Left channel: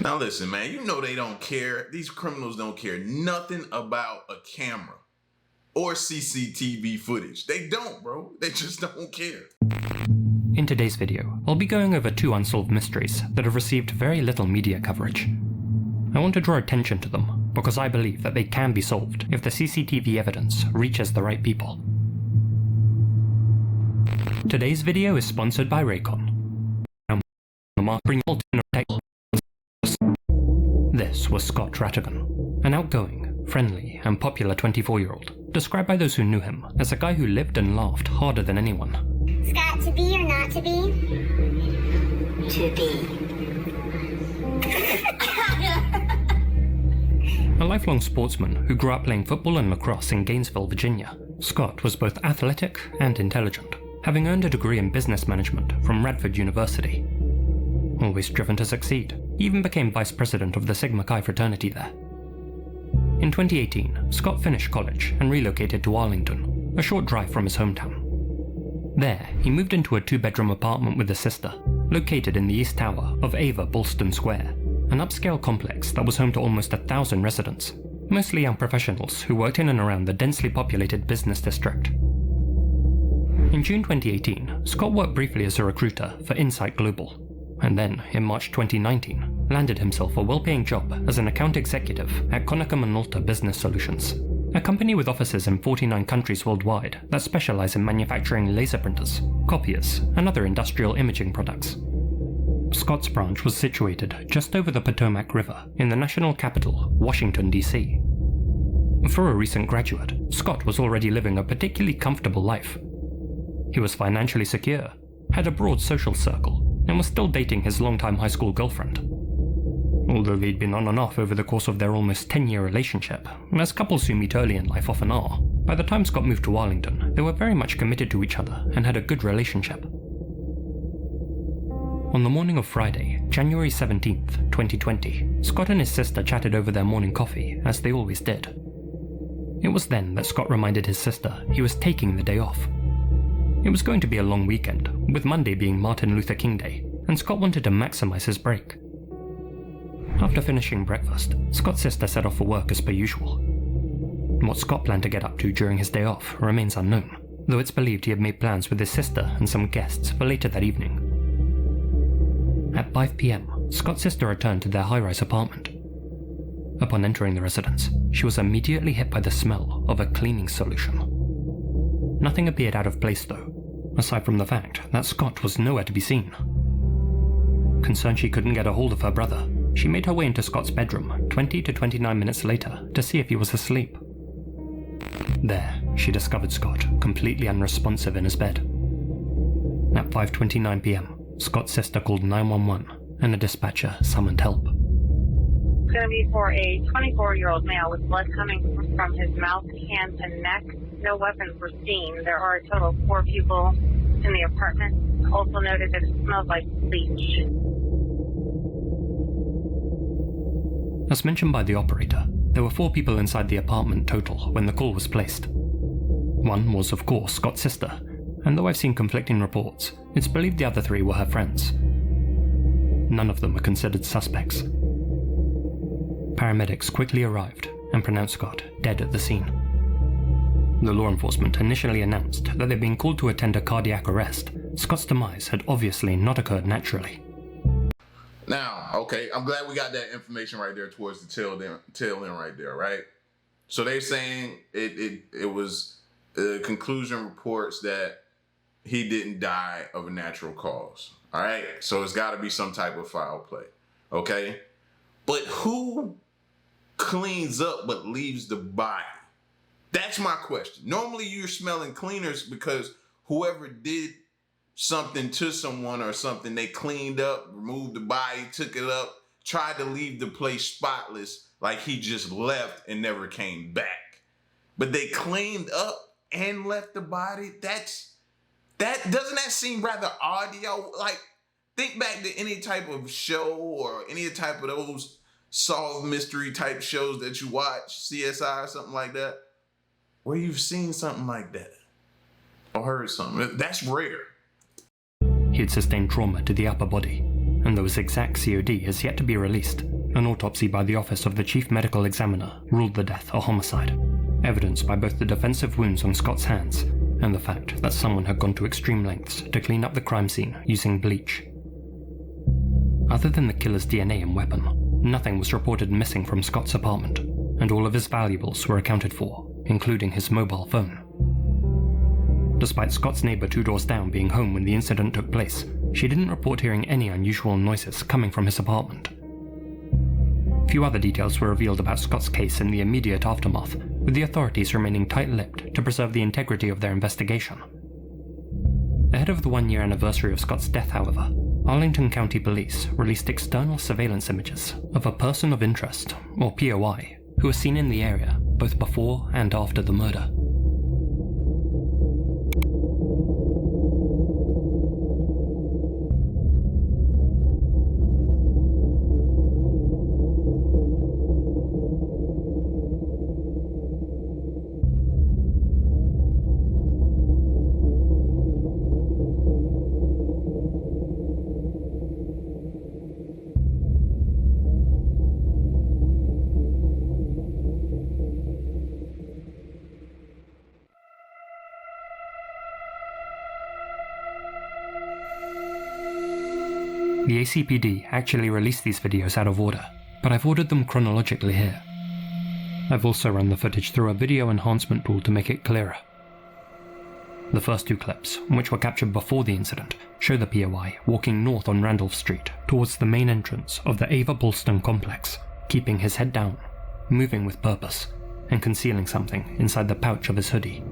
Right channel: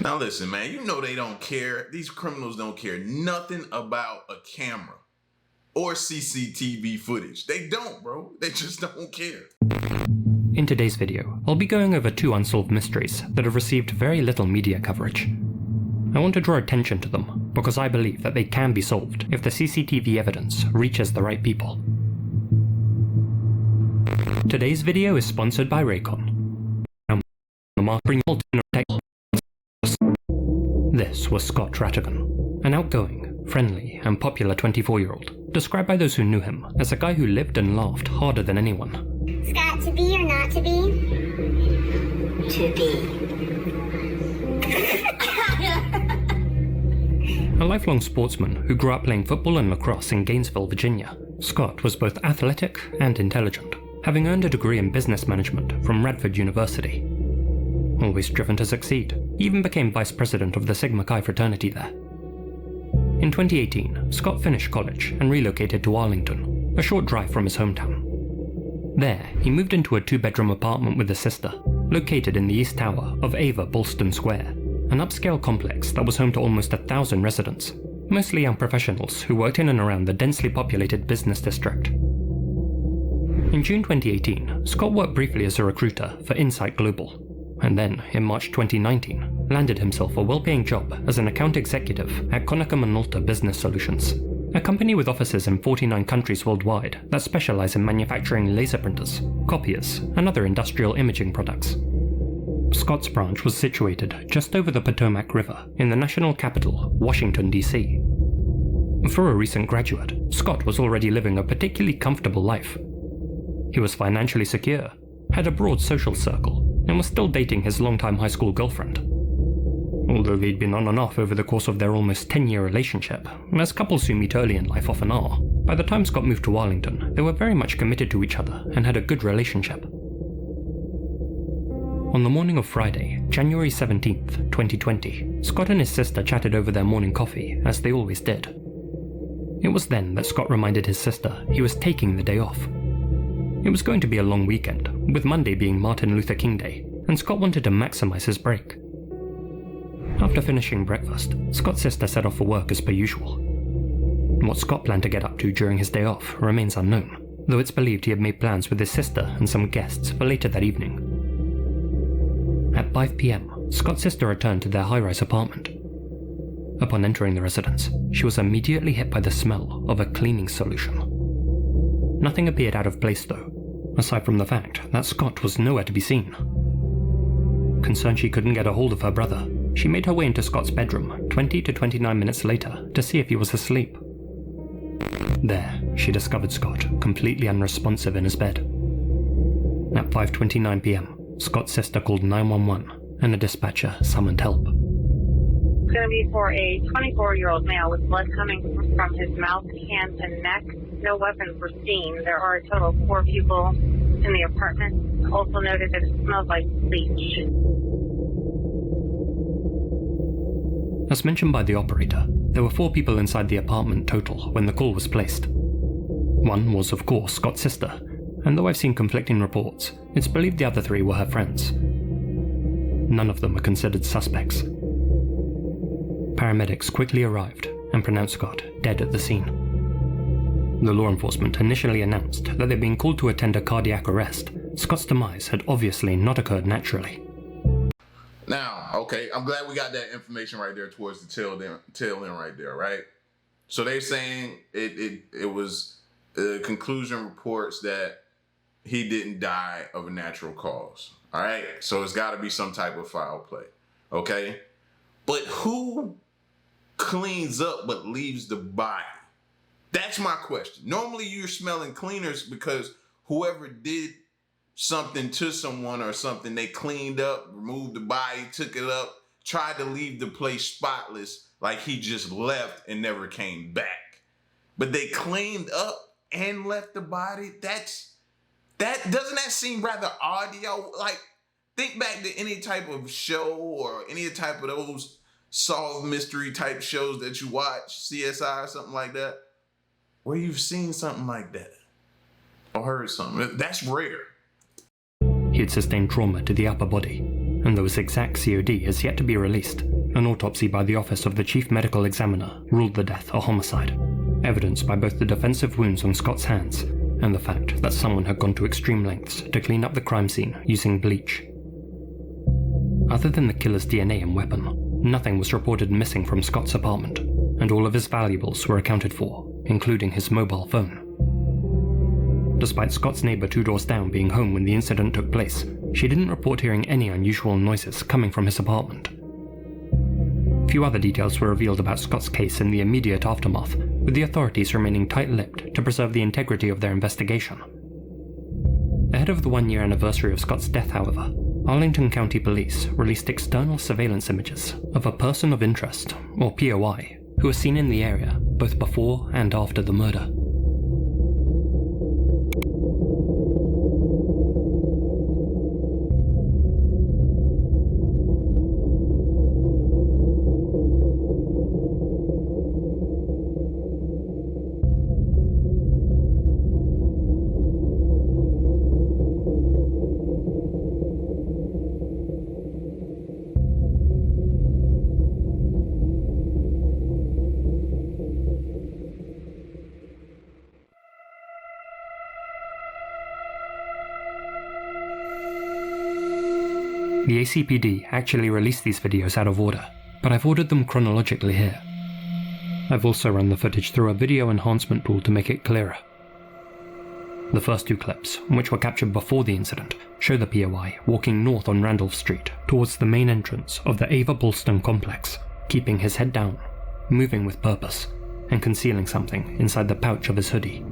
Now listen, man, you know they don't care. These criminals don't care nothing about a camera or CCTV footage. They don't, bro. They just don't care. In today's video, I'll be going over 2 unsolved mysteries that have received very little media coverage. I want to draw attention to them because I believe that they can be solved if the CCTV evidence reaches the right people. Today's video is sponsored by Raycon. This was Scott Rattigan, an outgoing, friendly, and popular 24-year-old, described by those who knew him as a guy who lived and laughed harder than anyone. Scott, to be or not to be? To be. A lifelong sportsman who grew up playing football and lacrosse in Gainesville, Virginia, Scott was both athletic and intelligent, having earned a degree in business management from Radford University. Always driven to succeed, he even became vice president of the Sigma Chi fraternity there. In 2018, Scott finished college and relocated to Arlington, a short drive from his hometown. There, he moved into a 2-bedroom apartment with his sister, located in the East Tower of Ava Bolston Square, an upscale complex that was home to almost 1,000 residents, mostly young professionals who worked in and around the densely populated business district. In June 2018, Scott worked briefly as a recruiter for Insight Global, and then, in March 2019, landed himself a well-paying job as an account executive at Konica Minolta Business Solutions, a company with offices in 49 countries worldwide that specialize in manufacturing laser printers, copiers, and other industrial imaging products. Scott's branch was situated just over the Potomac River in the national capital, Washington, D.C. For a recent graduate, Scott was already living a particularly comfortable life. He was financially secure, had a broad social circle, and was still dating his longtime high school girlfriend. Although they'd been on and off over the course of their almost 10-year relationship, as couples who meet early in life often are, by the time Scott moved to Arlington, they were very much committed to each other and had a good relationship. On the morning of Friday, January 17th, 2020, Scott and his sister chatted over their morning coffee, as they always did. It was then that Scott reminded his sister he was taking the day off. It was going to be a long weekend, with Monday being Martin Luther King Day, and Scott wanted to maximize his break. After finishing breakfast, Scott's sister set off for work as per usual. What Scott planned to get up to during his day off remains unknown, though it's believed he had made plans with his sister and some guests for later that evening. At 5 p.m, Scott's sister returned to their high-rise apartment. Upon entering the residence, she was immediately hit by the smell of a cleaning solution. Nothing appeared out of place though, aside from the fact that Scott was nowhere to be seen. Concerned she couldn't get a hold of her brother, she made her way into Scott's bedroom 20 to 29 minutes later to see if he was asleep. There, she discovered Scott completely unresponsive in his bed. At 5:29 p.m, Scott's sister called 911 and a dispatcher summoned help. It's going to be for a 24-year-old male with blood coming from his mouth, hands, and neck. No weapons were seen. There are a total of 4 people in the apartment. Also noted that it smells like bleach. As mentioned by the operator, there were 4 people inside the apartment total when the call was placed. One was, of course, Scott's sister, and though I've seen conflicting reports, it's believed the other 3 were her friends. None of them were considered suspects. Paramedics quickly arrived and pronounced Scott dead at the scene. The law enforcement initially announced that they'd been called to attend a cardiac arrest. Scott's demise had obviously not occurred naturally. Now, okay, I'm glad we got that information right there towards the tail end right there, right? So they're saying it was conclusion reports that he didn't die of a natural cause, all right? So it's got to be some type of foul play, okay? But who cleans up but leaves the body? That's my question. Normally you're smelling cleaners because whoever did something to someone or something, they cleaned up, removed the body, took it up, tried to leave the place spotless like he just left and never came back. But they cleaned up and left the body. Doesn't that seem rather odd, yo? Like, think back to any type of show or any type of those solved mystery type shows that you watch, CSI or something like that, where you've seen something like that or heard something. That's rare. He had sustained trauma to the upper body, and though his exact COD has yet to be released, an autopsy by the Office of the Chief Medical Examiner ruled the death a homicide, evidenced by both the defensive wounds on Scott's hands and the fact that someone had gone to extreme lengths to clean up the crime scene using bleach. Other than the killer's DNA and weapon, nothing was reported missing from Scott's apartment, and all of his valuables were accounted for, including his mobile phone. Despite Scott's neighbor 2 doors down being home when the incident took place, she didn't report hearing any unusual noises coming from his apartment. Few other details were revealed about Scott's case in the immediate aftermath, with the authorities remaining tight-lipped to preserve the integrity of their investigation. Ahead of the 1-year anniversary of Scott's death, however, Arlington County Police released external surveillance images of a person of interest, or POI, who was seen in the area both before and after the murder. The ACPD actually released these videos out of order, but I've ordered them chronologically here. I've also run the footage through a video enhancement tool to make it clearer. The first 2 clips, which were captured before the incident, show the POI walking north on Randolph Street towards the main entrance of the Ava Bolston complex, keeping his head down, moving with purpose, and concealing something inside the pouch of his hoodie.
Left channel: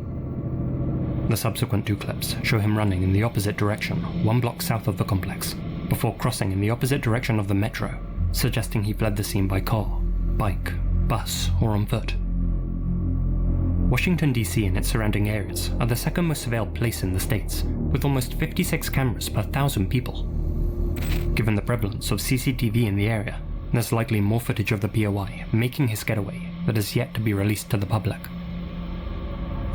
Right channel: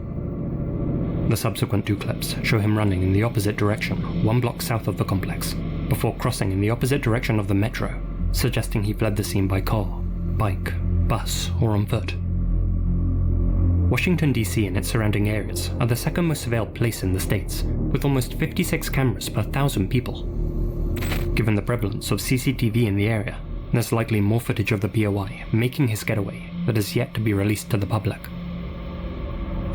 The subsequent 2 clips show him running in the opposite direction 1 block south of the complex, before crossing in the opposite direction of the metro, suggesting he fled the scene by car, bike, bus, or on foot. Washington, D.C. and its surrounding areas are the second most surveilled place in the States, with almost 56 cameras per 1,000 people. Given the prevalence of CCTV in the area, there's likely more footage of the POI making his getaway that is yet to be released to the public.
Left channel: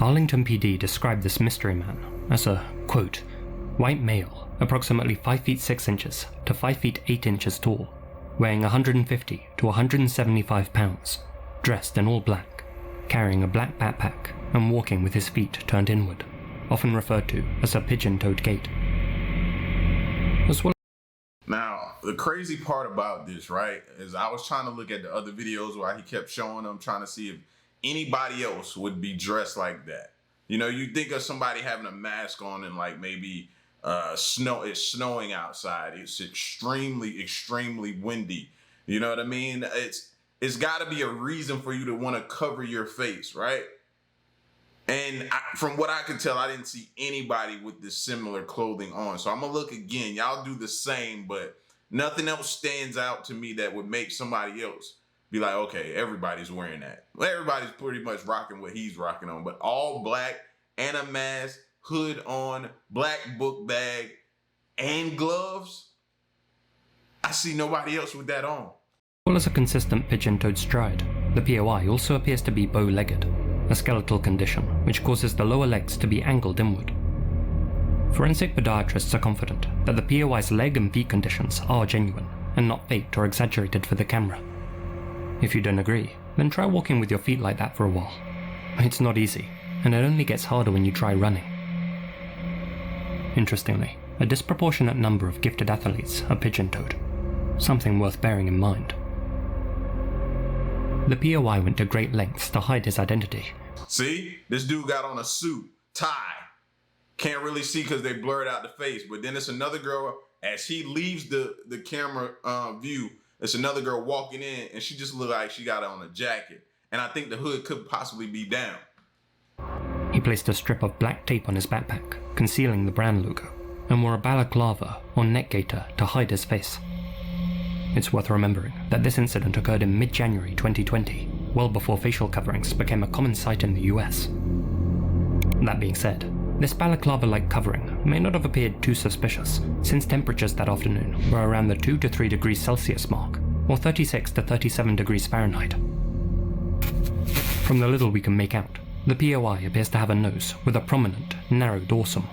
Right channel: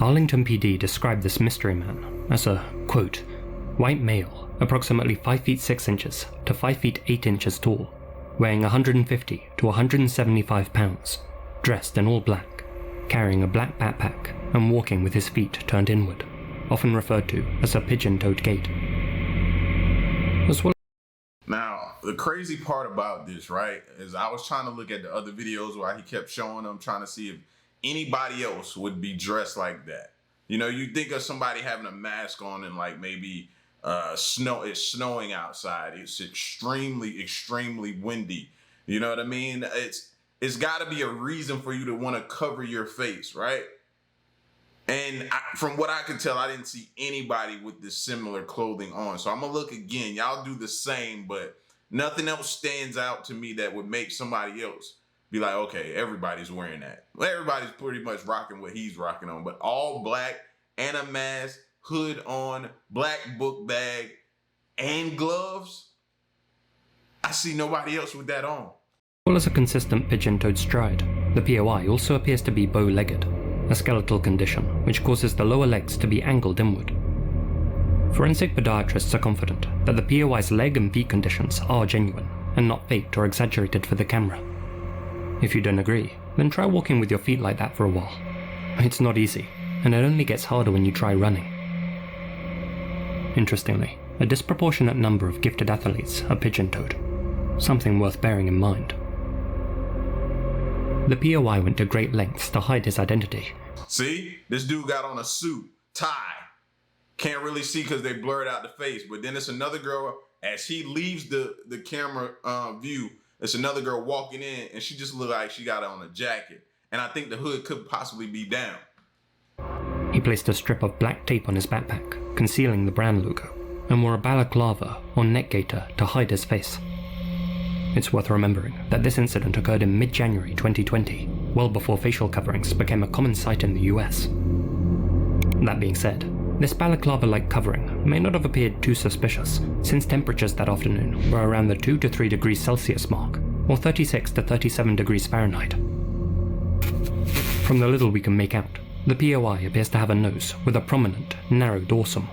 Arlington PD described this mystery man as a, quote, white male, approximately 5 feet 6 inches to 5 feet 8 inches tall, weighing 150 to 175 pounds, dressed in all black, carrying a black backpack and walking with his feet turned inward, often referred to as a pigeon-toed gait. As well. Now, the crazy part about this, right, is I was trying to look at the other videos where he kept showing them, trying to see if anybody else would be dressed like that. You know, you think of somebody having a mask on and like maybe it's snowing outside. It's extremely windy. You know what I mean? It's got to be a reason for you to want to cover your face, right? And from what I could tell, I didn't see anybody with this similar clothing on. So I'm going to look again. Y'all do the same, but nothing else stands out to me that would make somebody else be like, okay, everybody's wearing that. Well, everybody's pretty much rocking what he's rocking on, but all black and a mask, hood on, black book bag, and gloves. I see nobody else with that on. As well as a consistent pigeon-toed stride, the POI also appears to be bow-legged, a skeletal condition which causes the lower legs to be angled inward. Forensic podiatrists are confident that the POI's leg and feet conditions are genuine and not faked or exaggerated for the camera. If you don't agree, then try walking with your feet like that for a while. It's not easy, and it only gets harder when you try running. Interestingly, a disproportionate number of gifted athletes are pigeon-toed, something worth bearing in mind. The POI went to great lengths to hide his identity. See? This dude got on a suit, tie. Can't really see because they blurred out the face, but then it's another girl, as he leaves the camera view, it's another girl walking in, and she just looked like she got on a jacket. And I think the hood could possibly be down. He placed a strip of black tape on his backpack, concealing the brand logo, and wore a balaclava or neck gaiter to hide his face. It's worth remembering that this incident occurred in mid-January 2020, well before facial coverings became a common sight in the US. That being said, this balaclava-like covering may not have appeared too suspicious, since temperatures that afternoon were around the 2 to 3 degrees Celsius mark, or 36 to 37 degrees Fahrenheit. From the little we can make out, the POI appears to have a nose with a prominent, narrow dorsum.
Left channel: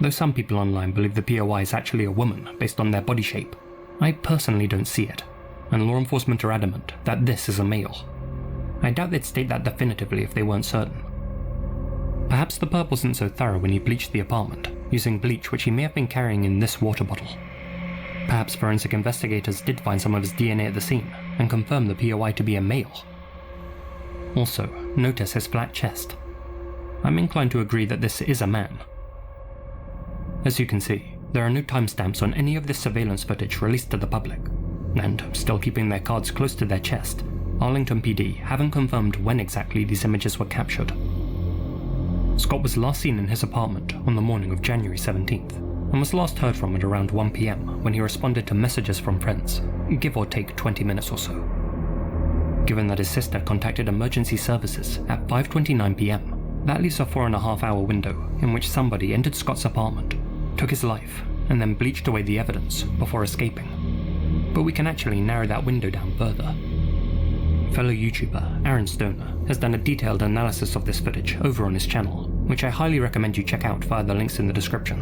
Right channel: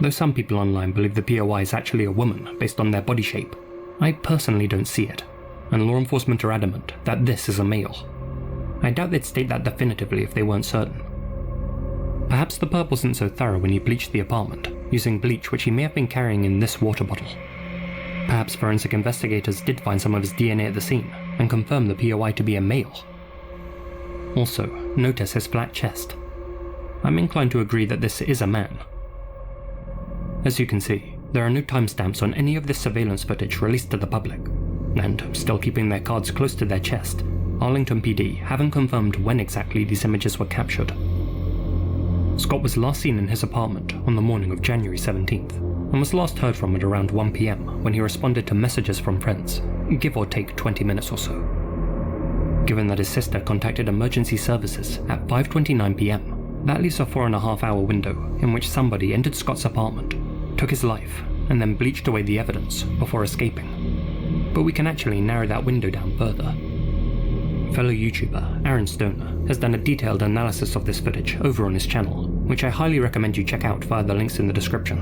Though some people online believe the POI is actually a woman based on their body shape, I personally don't see it, and law enforcement are adamant that this is a male. I doubt they'd state that definitively if they weren't certain. Perhaps the perp wasn't so thorough when he bleached the apartment, using bleach which he may have been carrying in this water bottle. Perhaps forensic investigators did find some of his DNA at the scene and confirm the POI to be a male. Also, notice his flat chest. I'm inclined to agree that this is a man. As you can see, there are no timestamps on any of this surveillance footage released to the public, and, still keeping their cards close to their chest, Arlington PD haven't confirmed when exactly these images were captured. Scott was last seen in his apartment on the morning of January 17th, and was last heard from at around 1 PM when he responded to messages from friends, give or take 20 minutes or so. Given that his sister contacted emergency services at 5:29 PM, that leaves a 4.5-hour window in which somebody entered Scott's apartment, took his life, and then bleached away the evidence before escaping. But we can actually narrow that window down further. Fellow YouTuber Aaron Stoner has done a detailed analysis of this footage over on his channel, which I highly recommend you check out via the links in the description.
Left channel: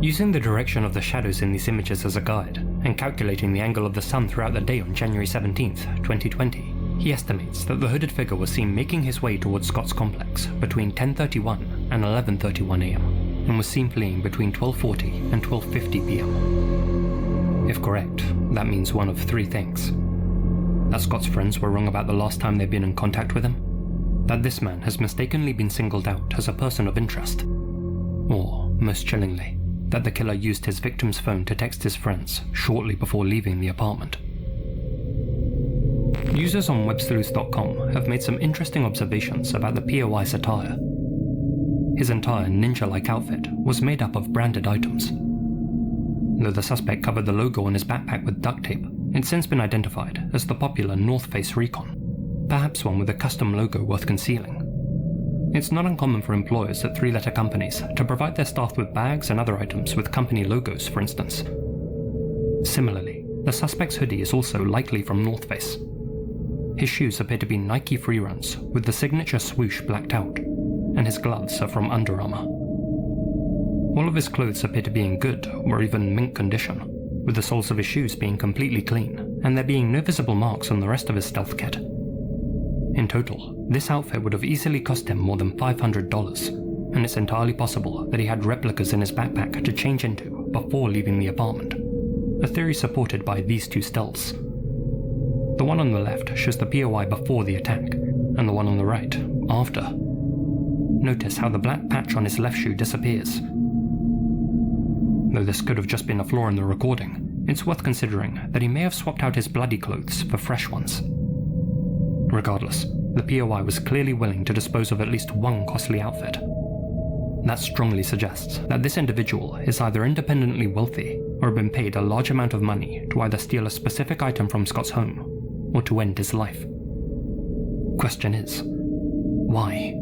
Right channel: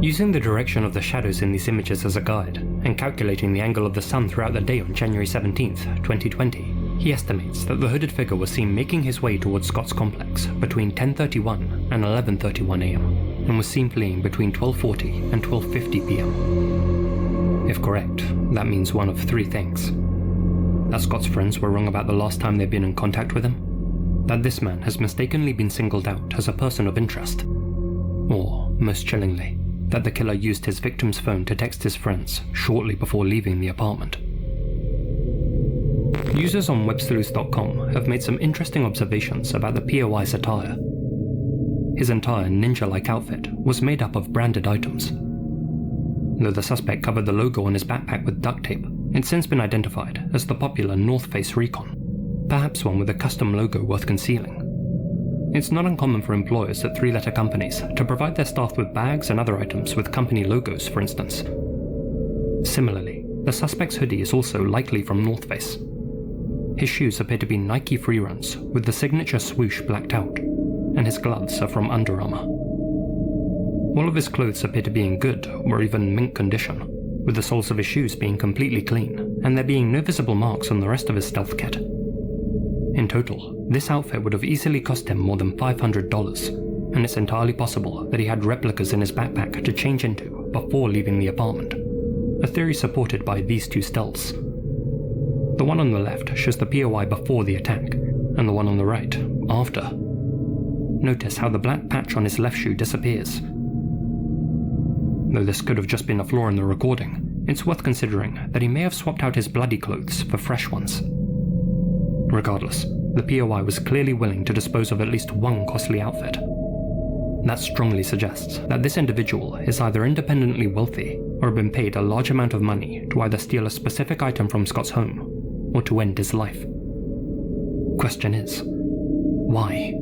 Using the direction of the shadows in these images as a guide, and calculating the angle of the sun throughout the day on January 17th, 2020, he estimates that the hooded figure was seen making his way towards Scott's complex between 10:31 and 11:31 AM, and was seen fleeing between 12:40 and 12:50 PM. If correct, that means one of three things. That Scott's friends were wrong about the last time they'd been in contact with him, that this man has mistakenly been singled out as a person of interest, or, most chillingly, that the killer used his victim's phone to text his friends shortly before leaving the apartment. Users on websleuths.com have made some interesting observations about the POI's attire. His entire ninja-like outfit was made up of branded items. Though the suspect covered the logo on his backpack with duct tape, it's since been identified as the popular North Face Recon, perhaps one with a custom logo worth concealing. It's not uncommon for employers at three-letter companies to provide their staff with bags and other items with company logos, for instance. Similarly, the suspect's hoodie is also likely from North Face. His shoes appear to be Nike Freeruns with the signature swoosh blacked out, and his gloves are from Under Armour. All of his clothes appear to be in good or even mint condition, with the soles of his shoes being completely clean and there being no visible marks on the rest of his stealth kit. In total, this outfit would have easily cost him more than $500, and it's entirely possible that he had replicas in his backpack to change into before leaving the apartment, a theory supported by these two stills. The one on the left shows the POI before the attack, and the one on the right after. Notice how the black patch on his left shoe disappears. Though this could have just been a flaw in the recording, it's worth considering that he may have swapped out his bloody clothes for fresh ones. Regardless, the POI was clearly willing to dispose of at least one costly outfit. That strongly suggests that this individual is either independently wealthy or been paid a large amount of money to either steal a specific item from Scott's home or to end his life. Question is, why?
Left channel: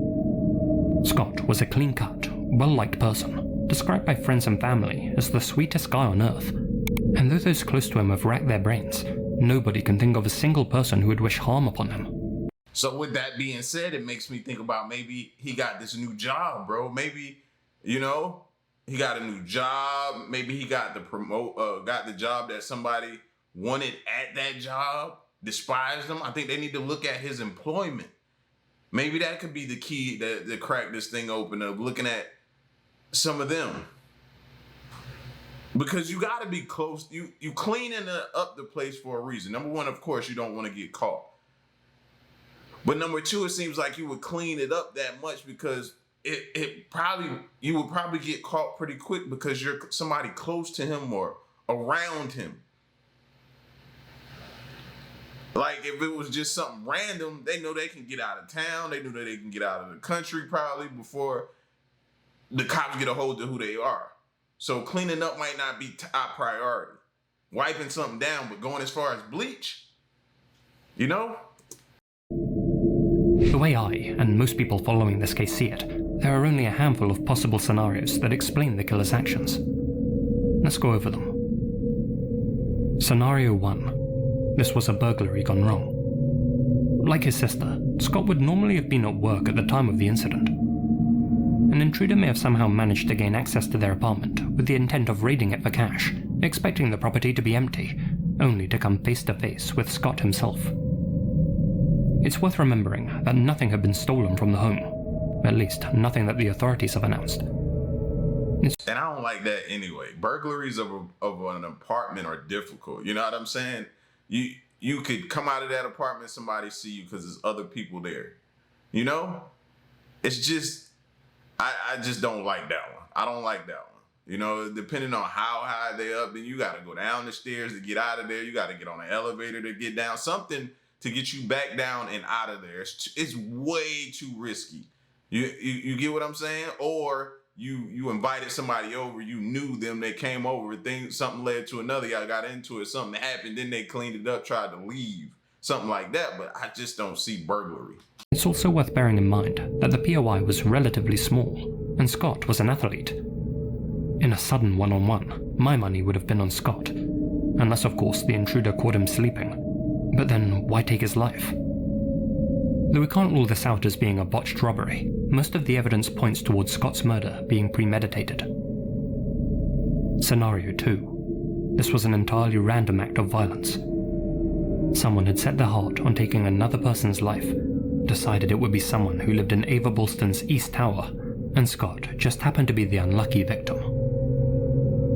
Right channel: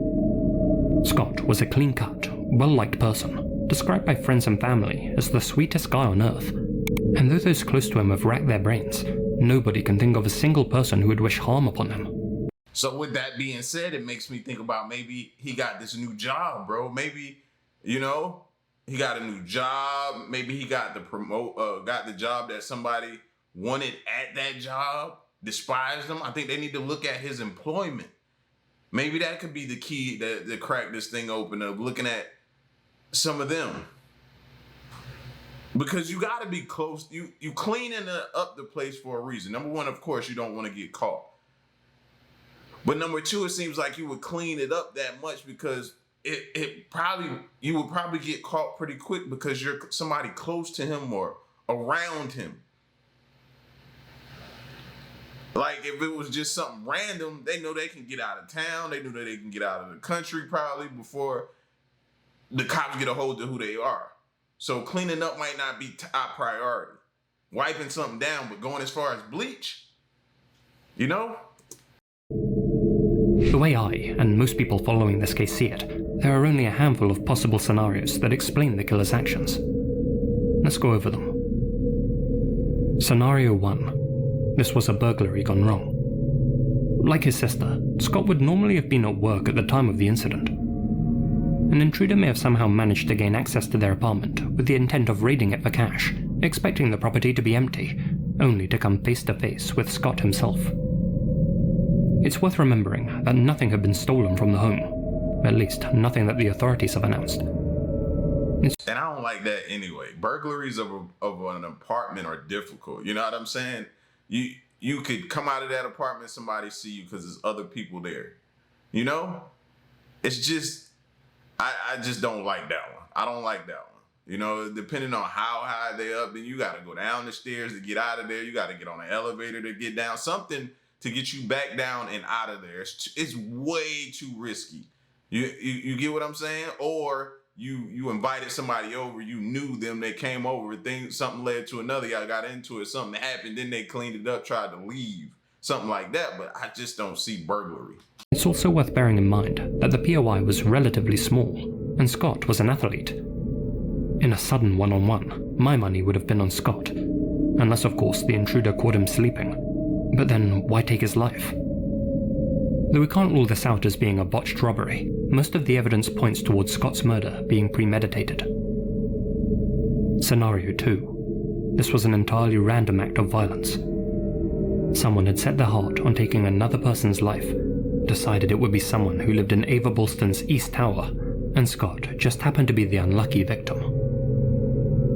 Scott was a clean-cut, well-liked person, described by friends and family as the sweetest guy on earth, and though those close to him have racked their brains, nobody can think of a single person who would wish harm upon him. So with that being said, it makes me think about maybe he got this new job, bro. Maybe, he got a new job. Maybe he got the job that somebody wanted at that job, despised him. I think they need to look at his employment. Maybe that could be the key to crack this thing open, of looking at some of them. Because you got to be close. You cleaning up the place for a reason. Number one, of course, you don't want to get caught. But number two, it seems like you would clean it up that much because you would probably get caught pretty quick because you're somebody close to him or around him. Like if it was just something random, they know they can get out of town. They know that they can get out of the country probably before the cops get a hold of who they are. So cleaning up might not be top priority. Wiping something down, but going as far as bleach, The way I, and most people following this case see it, there are only a handful of possible scenarios that explain the killer's actions. Let's go over them. Scenario 1. This was a burglary gone wrong. Like his sister, Scott would normally have been at work at the time of the incident. an intruder may have somehow managed to gain access to their apartment with the intent of raiding it for cash, expecting the property to be empty, only to come face to face with Scott himself. It's worth remembering that nothing had been stolen from the home, at least nothing that the authorities have announced. And I don't like that anyway. Burglaries of an apartment are difficult. You know what I'm saying? You could come out of that apartment, somebody see you because there's other people there. You know? It's just, I just don't like that one. I don't like that one. You know, depending on how high they up, then you got to go down the stairs to get out of there. You got to get on an elevator to get down. Something to get you back down and out of there. It's way too risky. You get what I'm saying? Or you invited somebody over, you knew them, they came over, something led to another, y'all got into it, something happened, then they cleaned it up, tried to leave, something like that, but I just don't see burglary. It's also worth bearing in mind that the POI was relatively small, and Scott was an athlete. In a sudden one-on-one, my money would have been on Scott, unless of course the intruder caught him sleeping. But then why take his life? Though we can't rule this out as being a botched robbery, most of the evidence points towards Scott's murder being premeditated. Scenario 2. This was an entirely random act of violence. Someone had set their heart on taking another person's life, decided it would be someone who lived in Ava Bolston's East Tower, and Scott just happened to be the unlucky victim.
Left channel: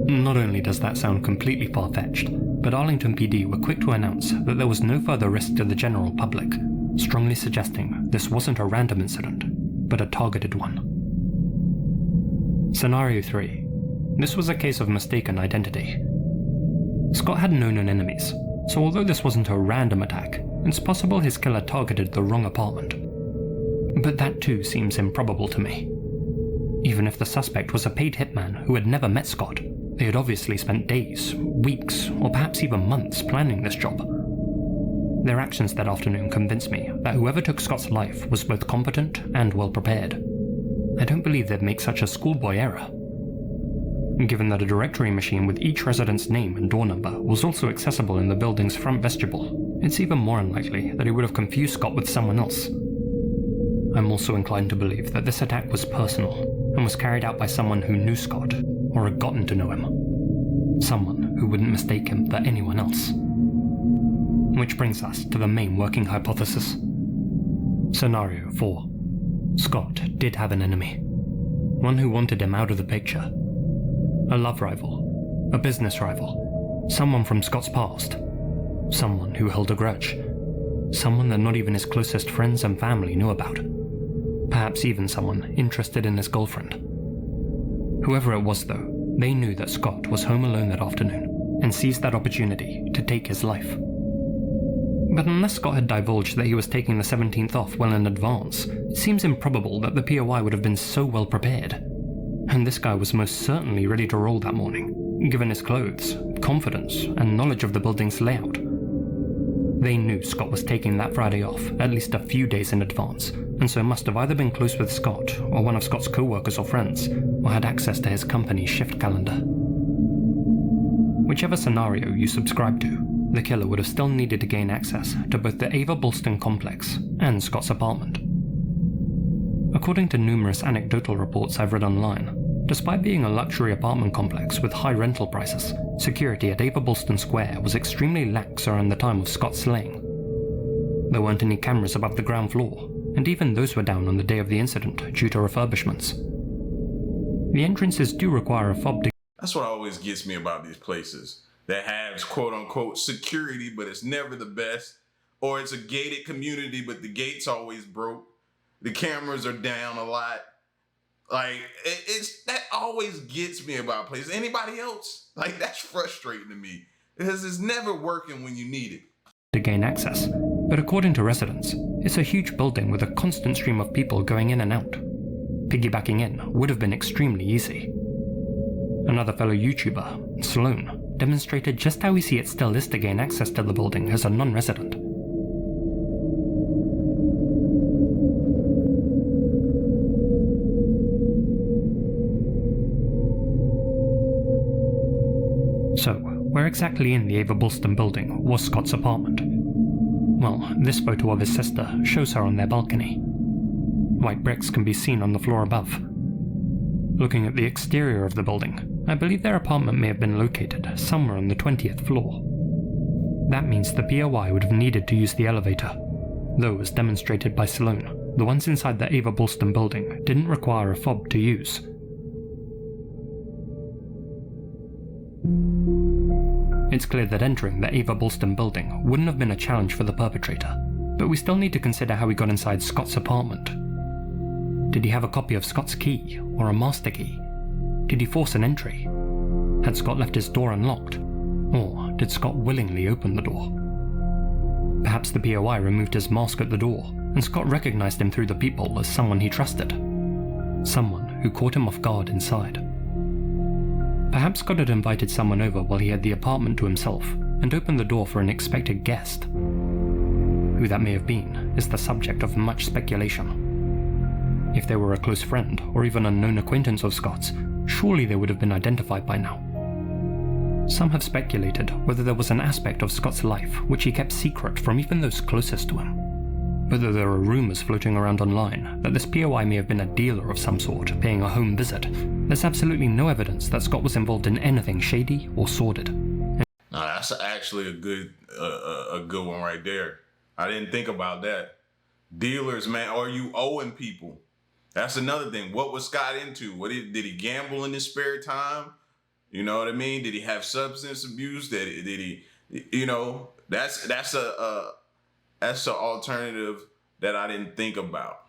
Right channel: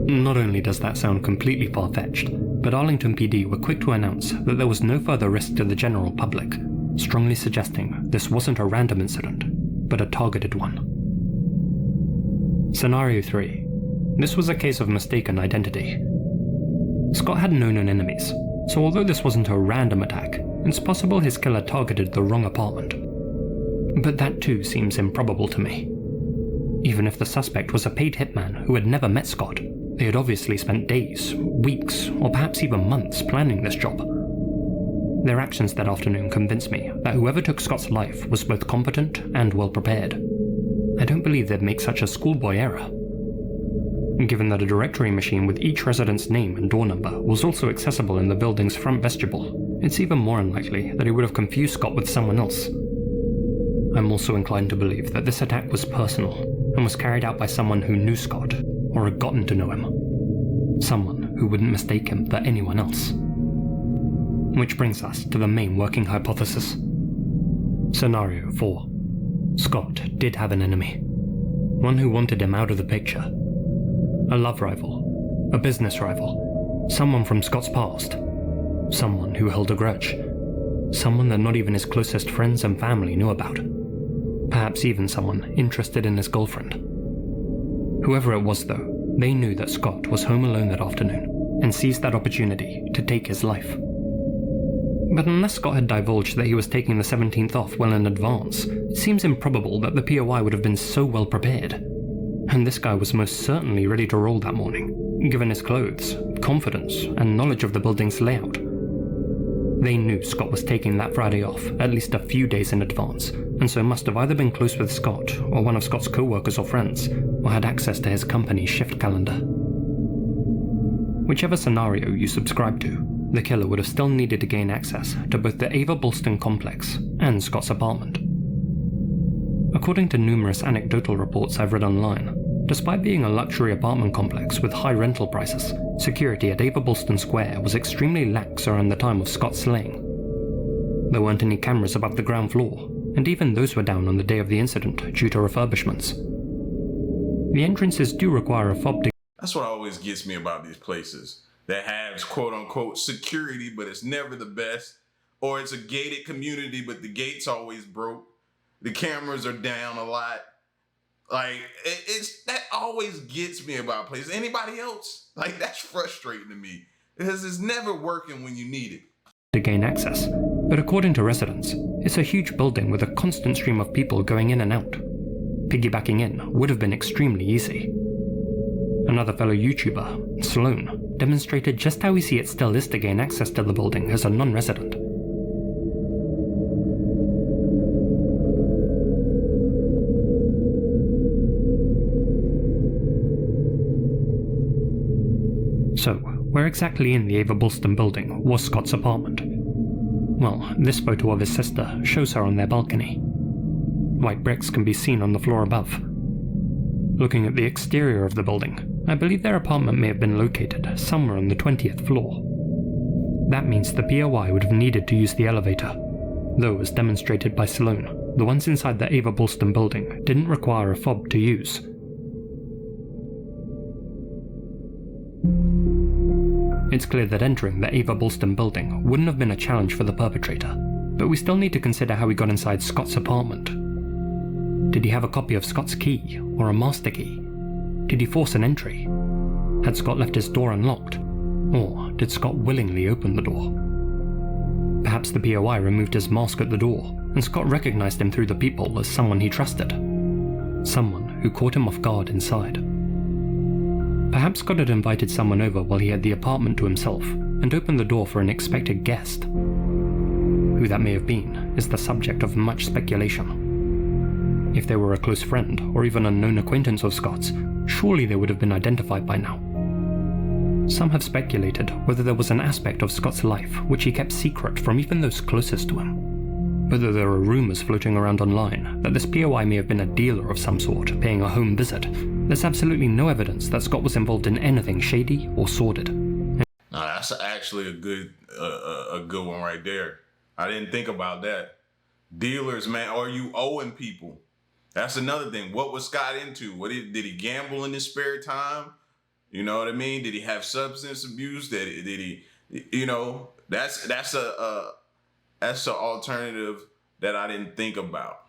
Not only does that sound completely far-fetched, but Arlington PD were quick to announce that there was no further risk to the general public, strongly suggesting this wasn't a random incident, but a targeted one. Scenario 3. This was a case of mistaken identity. Scott had no known enemies, so although this wasn't a random attack, it's possible his killer targeted the wrong apartment. But that too seems improbable to me. Even if the suspect was a paid hitman who had never met Scott, they had obviously spent days, weeks, or perhaps even months planning this job. Their actions that afternoon convinced me that whoever took Scott's life was both competent and well prepared. I don't believe they'd make such a schoolboy error. Given that a directory machine with each resident's name and door number was also accessible in the building's front vestibule, it's even more unlikely that he would have confused Scott with someone else. I'm also inclined to believe that this attack was personal and was carried out by someone who knew Scott or had gotten to know him. Someone who wouldn't mistake him for anyone else. Which brings us to the main working hypothesis. Scenario 4. Scott did have an enemy. One who wanted him out of the picture. A love rival. A business rival. Someone from Scott's past. Someone who held a grudge. Someone that not even his closest friends and family knew about. Perhaps even someone interested in his girlfriend. Whoever it was though, they knew that Scott was home alone that afternoon and seized that opportunity to take his life. But unless Scott had divulged that he was taking the 17th off well in advance, it seems improbable that the POI would have been so well prepared. And this guy was most certainly ready to roll that morning, given his clothes, confidence, and knowledge of the building's layout. They knew Scott was taking that Friday off at least a few days in advance, and so must have either been close with Scott or one of Scott's co-workers or friends, or had access to his company's shift calendar. Whichever scenario you subscribe to, the killer would have still needed to gain access to both the Ava Bolston complex and Scott's apartment. According to numerous anecdotal reports I've read online, despite being a luxury apartment complex with high rental prices, security at Ava Bolston Square was extremely lax around the time of Scott's slaying. There weren't any cameras above the ground floor, and even those were down on the day of the incident due to refurbishments. The entrances do require a fob to... That's what always gets me about these places that have quote-unquote security, but it's never the best. Or it's a gated community, but the gate's always broke. The cameras are down a lot. Like, it's that always gets me about places. Anybody else? Like, that's frustrating to me. Because it's never working when you need it. To gain access. But according to residents, it's a huge building with a constant stream of people going in and out. Piggybacking in would have been extremely easy. Another fellow YouTuber, Sloan, demonstrated just how easy it still is to gain access to the building as a non-resident. So, where exactly in the Ava Bolston building was Scott's apartment? Well, this photo of his sister shows her on their balcony. White bricks can be seen on the floor above, Looking at the exterior of the building, I believe their apartment may have been located somewhere on the 20th floor. That means the POI would have needed to use the elevator, though as demonstrated by Sloan, the ones inside the Ava Bulston building didn't require a fob to use. It's clear that entering the Ava Bulston building wouldn't have been a challenge for the perpetrator, but we still need to consider how he got inside Scott's apartment. Did he have a copy of Scott's key, or a master key? Did he force an entry? Had Scott left his door unlocked? Or did Scott willingly open the door? Perhaps the POI removed his mask at the door, and Scott recognized him through the peephole as someone he trusted. Someone who caught him off guard inside. Perhaps Scott had invited someone over while he had the apartment to himself, and opened the door for an expected guest. Who that may have been is the subject of much speculation. If they were a close friend, or even a known acquaintance of Scott's, surely they would have been identified by now. Some have speculated whether there was an aspect of Scott's life which he kept secret from even those closest to him. Whether there are rumours floating around online that this POI may have been a dealer of some sort paying a home visit, there's absolutely no evidence that Scott was involved in anything shady or sordid. Now that's actually a good one right there. I didn't think about that. Dealers, man, are you owing people? That's another thing. What was Scott into? Did he gamble in his spare time? You know what I mean? Did he have substance abuse? Did he? You know, that's an alternative that I didn't think about.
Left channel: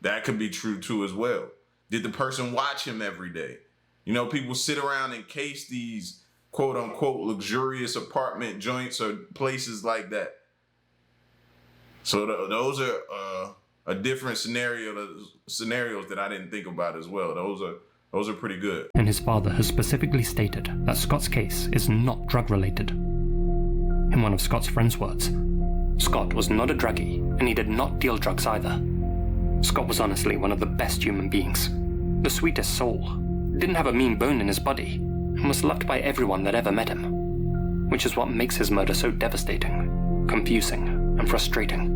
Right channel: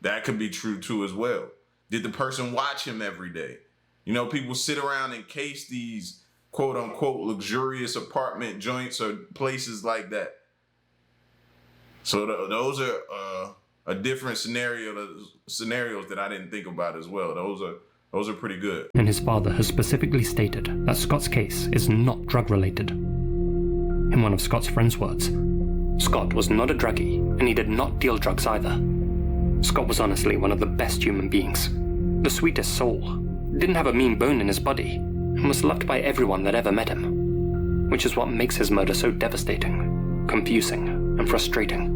That could be true too as well. Did the person watch him every day? You know, people sit around and case these quote unquote luxurious apartment joints or places like that. So those are a different scenarios that I didn't think about as well. Those are pretty good. And his father has specifically stated that Scott's case is not drug-related. In one of Scott's friend's words, Scott was not a druggie, and he did not deal drugs either. Scott was honestly one of the best human beings, the sweetest soul, didn't have a mean bone in his body, and was loved by everyone that ever met him, which is what makes his murder so devastating, confusing, and frustrating.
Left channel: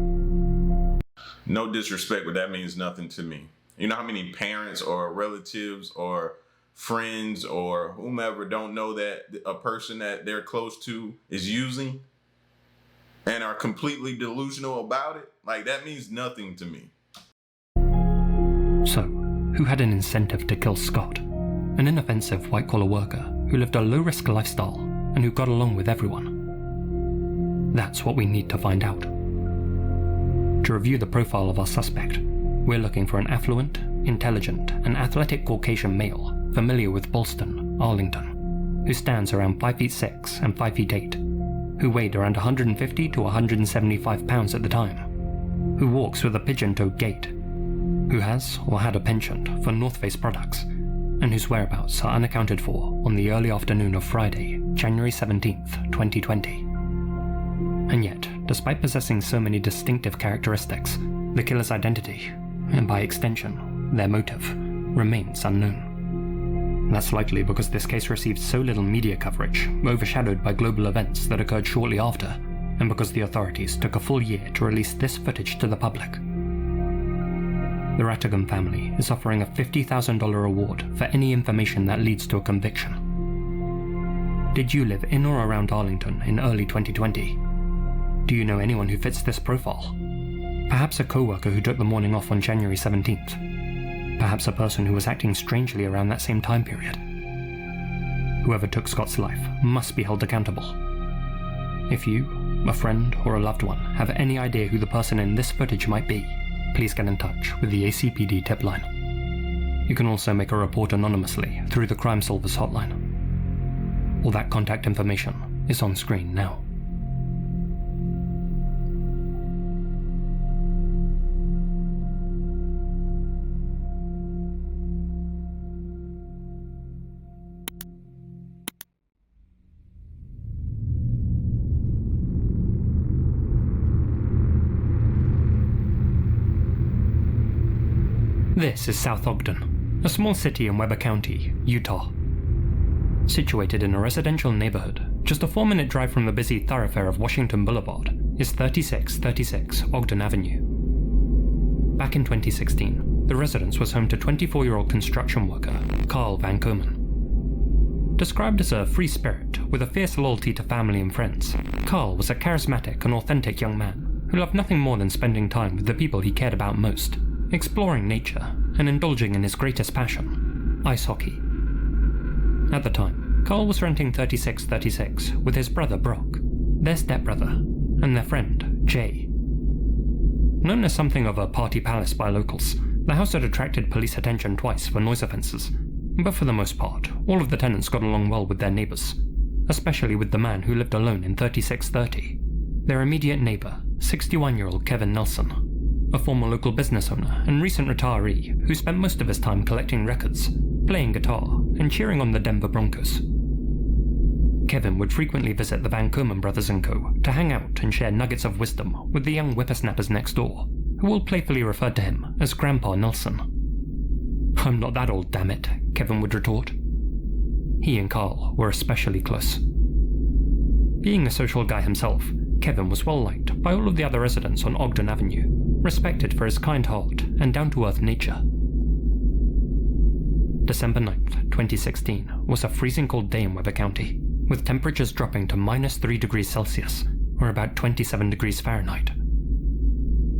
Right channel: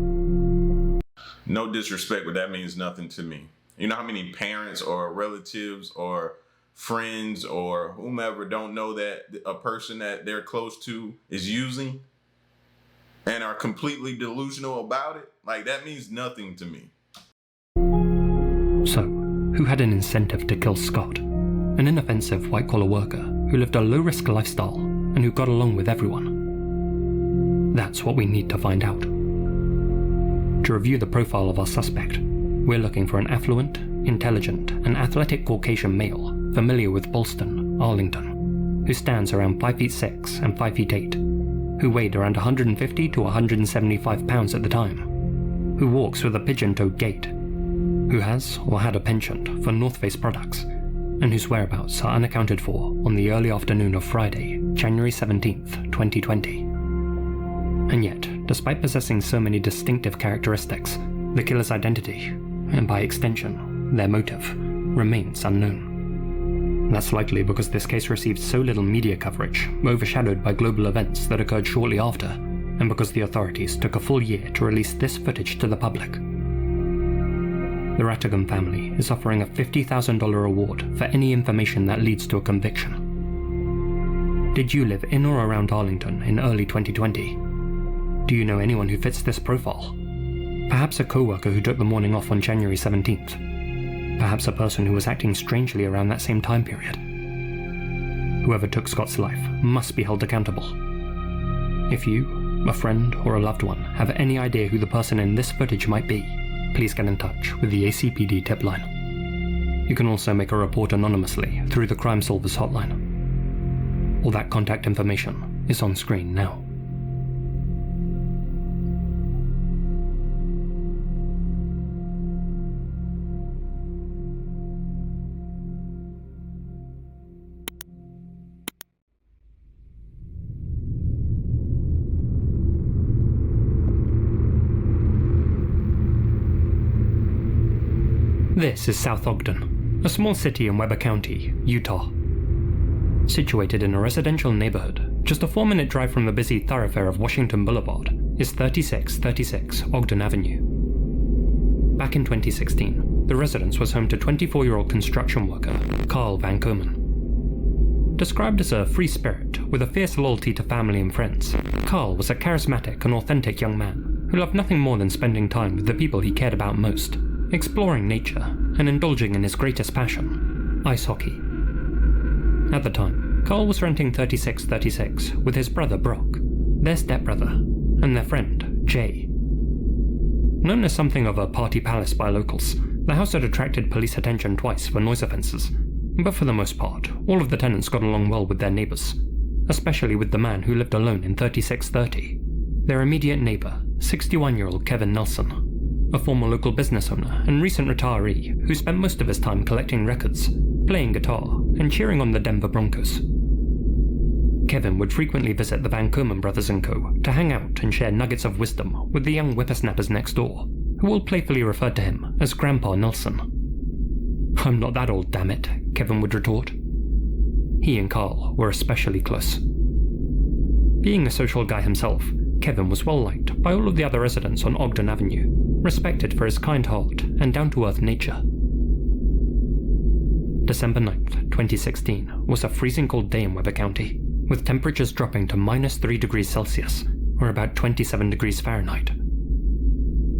No disrespect, but that means nothing to me. You know how many parents or relatives or friends or whomever don't know that a person that they're close to is using and are completely delusional about it? Like, that means nothing to me. So, who had an incentive to kill Scott? An inoffensive white-collar worker who lived a low-risk lifestyle and who got along with everyone? That's what we need to find out. To review the profile of our suspect, we're looking for an affluent, intelligent, and athletic Caucasian male familiar with Bulston, Arlington, who stands around 5'6" and 5'8", who weighed around 150 to 175 pounds at the time, who walks with a pigeon-toed gait, who has or had a penchant for North Face products, and whose whereabouts are unaccounted for on the early afternoon of Friday, January 17th, 2020. And yet, despite possessing so many distinctive characteristics, the killer's identity, and by extension, their motive, remains unknown. That's likely because this case received so little media coverage, overshadowed by global events that occurred shortly after, and because the authorities took a full year to release this footage to the public. The Rattigan family is offering a $50,000 reward for any information that leads to a conviction. Did you live in or around Arlington in early 2020? Do you know anyone who fits this profile? Perhaps a co-worker who took the morning off on January 17th. Perhaps a person who was acting strangely around that same time period. Whoever took Scott's life must be held accountable. If you, a friend, or a loved one have any idea who the person in this footage might be, please get in touch with the ACPD tip line. You can also make a report anonymously through the Crime Solvers hotline. All that contact information is on screen now. This is South Ogden, a small city in Weber County, Utah. Situated in a residential neighborhood, just a 4-minute drive from the busy thoroughfare of Washington Boulevard, is 3636 Ogden Avenue. Back in 2016, the residence was home to 24-year-old construction worker Carl Van Komen. Described as a free spirit with a fierce loyalty to family and friends, Carl was a charismatic and authentic young man who loved nothing more than spending time with the people he cared about most, exploring nature and indulging in his greatest passion, ice hockey. At the time, Carl was renting 3636 with his brother Brock, their stepbrother, and their friend Jay. Known as something of a party palace by locals, the house had attracted police attention twice for noise offences, but for the most part, all of the tenants got along well with their neighbours, especially with the man who lived alone in 3630. Their immediate neighbour, 61-year-old Kevin Nelson, a former local business owner and recent retiree who spent most of his time collecting records, playing guitar, and cheering on the Denver Broncos. Kevin would frequently visit the Van Komen brothers and co. to hang out and share nuggets of wisdom with the young whippersnappers next door, who all playfully referred to him as Grandpa Nelson. "I'm not that old, damn it," Kevin would retort. He and Carl were especially close. Being a social guy himself, Kevin was well liked by all of the other residents on Ogden Avenue, respected for his kind heart and down-to-earth nature. December 9th, 2016 was a freezing cold day in Weber County, with temperatures dropping to -3 degrees Celsius, or about 27 degrees Fahrenheit.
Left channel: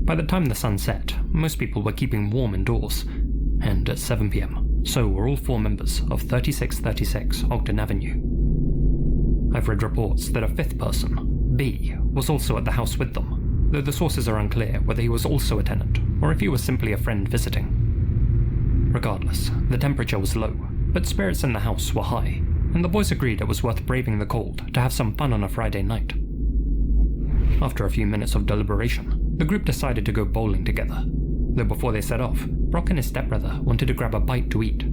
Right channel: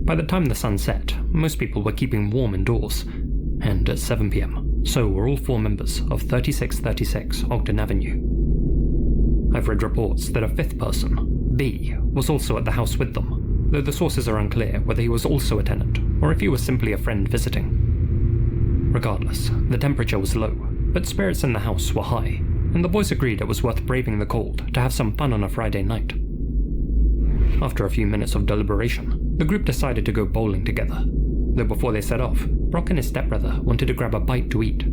By the time the sun set, most people were keeping warm indoors, and at 7 p.m, so were all 4 members of 3636 Ogden Avenue. I've read reports that a 5th person, B, was also at the house with them, though the sources are unclear whether he was also a tenant or if he was simply a friend visiting. Regardless, the temperature was low, but spirits in the house were high, and the boys agreed it was worth braving the cold to have some fun on a Friday night. After a few minutes of deliberation, the group decided to go bowling together, though before they set off, Brock and his stepbrother wanted to grab a bite to eat.